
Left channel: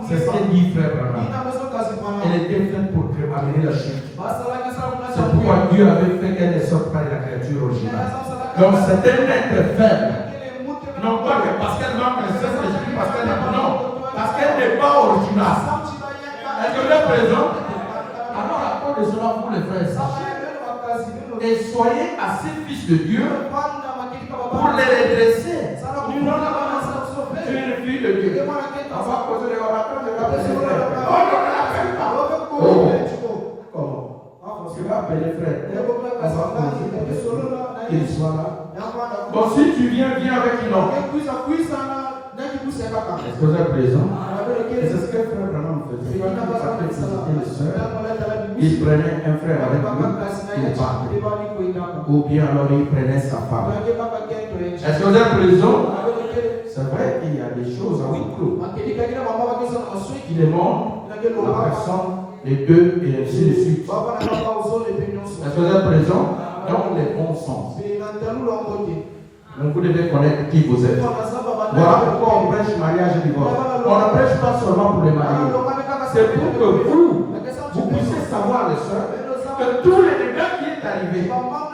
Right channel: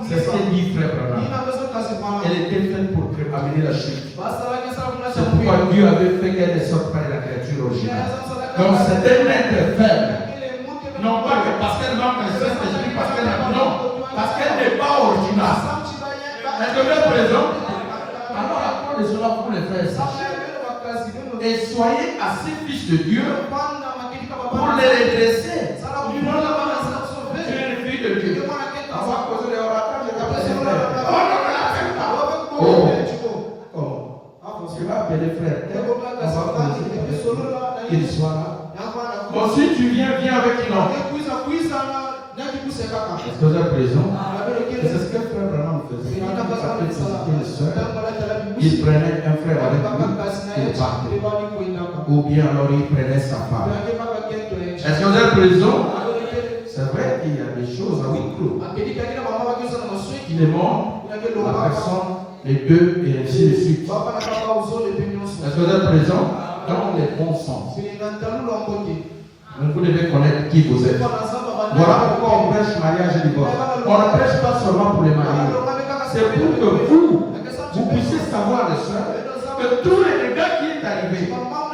C'est ce qu'elle dit, frère Branham. Elle était faite pour amener la chute. C'est pourquoi Dieu avait fait qu'elle ne sorte pas de la créature originale. Donc c'est un être faible. Non pas que parce qu'elle manque le Saint-Esprit, parce qu'elle n'a non, parce qu'elle n'est pas originale. Est-ce que vous êtes présent? Alors la parole est cela pour les frères. Et soyez assez fils de Dieu pour les redresser. Tu es une fille de Dieu. On va causer les orateurs, je vais appeler ses frères. Oh non, ne l'appelle pas. Oh, comment? Tu vas appeler frère. On va causer qu'il soit là. Bon, si tu viens avec une autre. Est-ce que vous êtes présent? C'est ce que frère Branham faisait. Il partait visiter les soeurs. Il prenait un frère avec lui, il partait. Ou bien alors il prenait sa femme. Est-ce que vous êtes présent? C'est vrai qu'il y a des choses à huis clos. Il est mort, la personne, les deux, et ainsi de suite. Est-ce que vous êtes présent? Dans les bons sens. Donc vous devez connaître qui vous êtes. Voilà pourquoi on prêche mariage et divorce. On ne prêche pas seulement pour les mariés. C'est pour que vous puissiez savoir, les soeurs, que tous les dégâts qui est arrivé,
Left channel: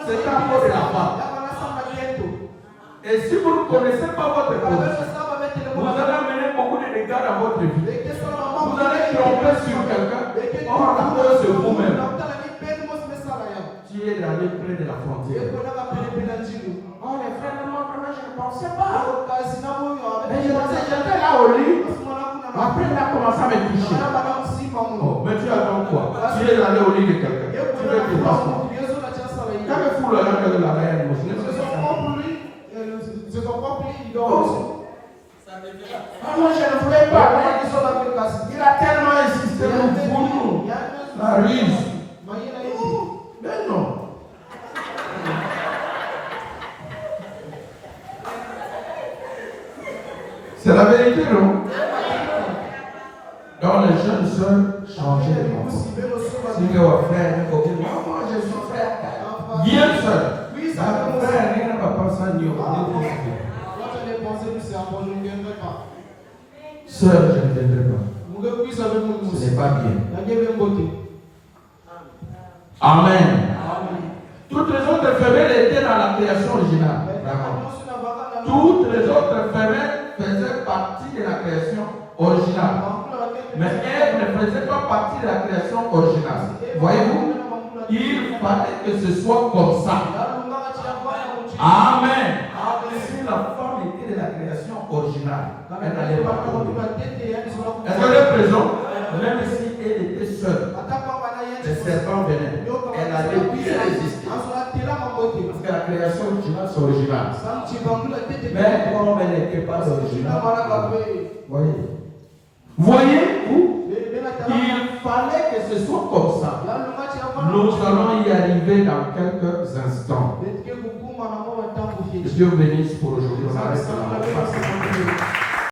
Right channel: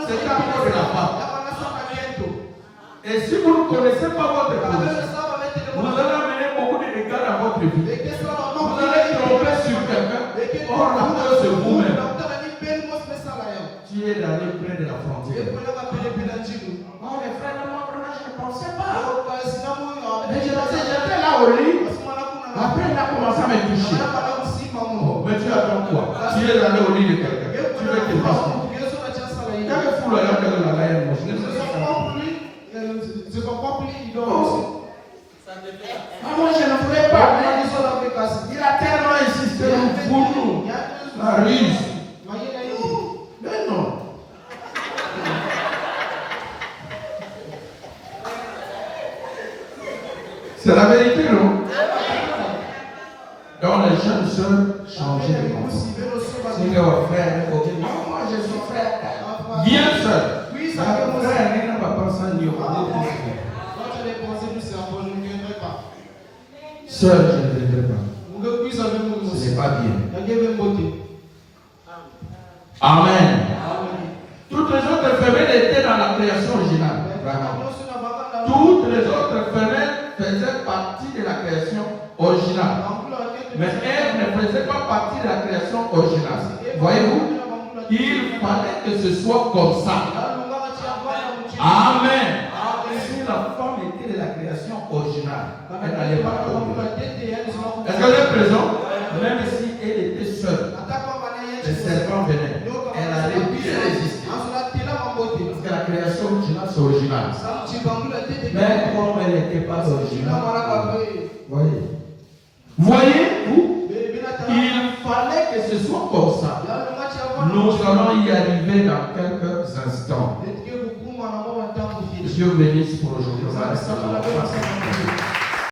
c'est à cause de la femme. Et si vous ne connaissez pas votre position, vous allez amener beaucoup de dégâts dans votre vie. Vous allez tromper sur quelqu'un. Or, la cause c'est vous-même. Tu es allé près de la frontière. Oh, les frères de moi, vraiment, je ne pensais pas. Mais je pensais, j'étais là au lit. Après, il a commencé à me toucher. Oh, mais tu attends quoi? Tu es allé au lit de quelqu'un. Tu veux te passer. Quand il fout la langue de la reine, c'est son propre lit, il dort aussi. Ah, moi, je ne voulais pas. Il a tellement insisté pour nous. La ruse. Mais non. C'est la vérité, non? Donc les jeunes sœurs changeaient de comportement. Si vous frère, moi je suis frère. Bien seul. La frère ne va pas s'en dire. Seul, je ne viendrai pas. Ce n'est pas bien. Amen. Toutes les autres femelles étaient dans la création originale. Vraiment. Toutes les autres femelles faisaient partie de la création originale. Mais Ève ne faisait pas partie de la création originale. Voyez-vous? Il fallait que ce soit comme ça. Amen. Si la femme était de la création originale, elle n'allait pas tomber. Est-ce qu'elle est présente? Même si elle était seule, le serpent venait. Elle allait bien résister. Parce que la création originale, c'est original. Mais comme elle n'était pas originale, voyez-vous, il fallait que ce soit comme ça. Nous allons y arriver dans quelques instants. Dieu bénisse pour aujourd'hui.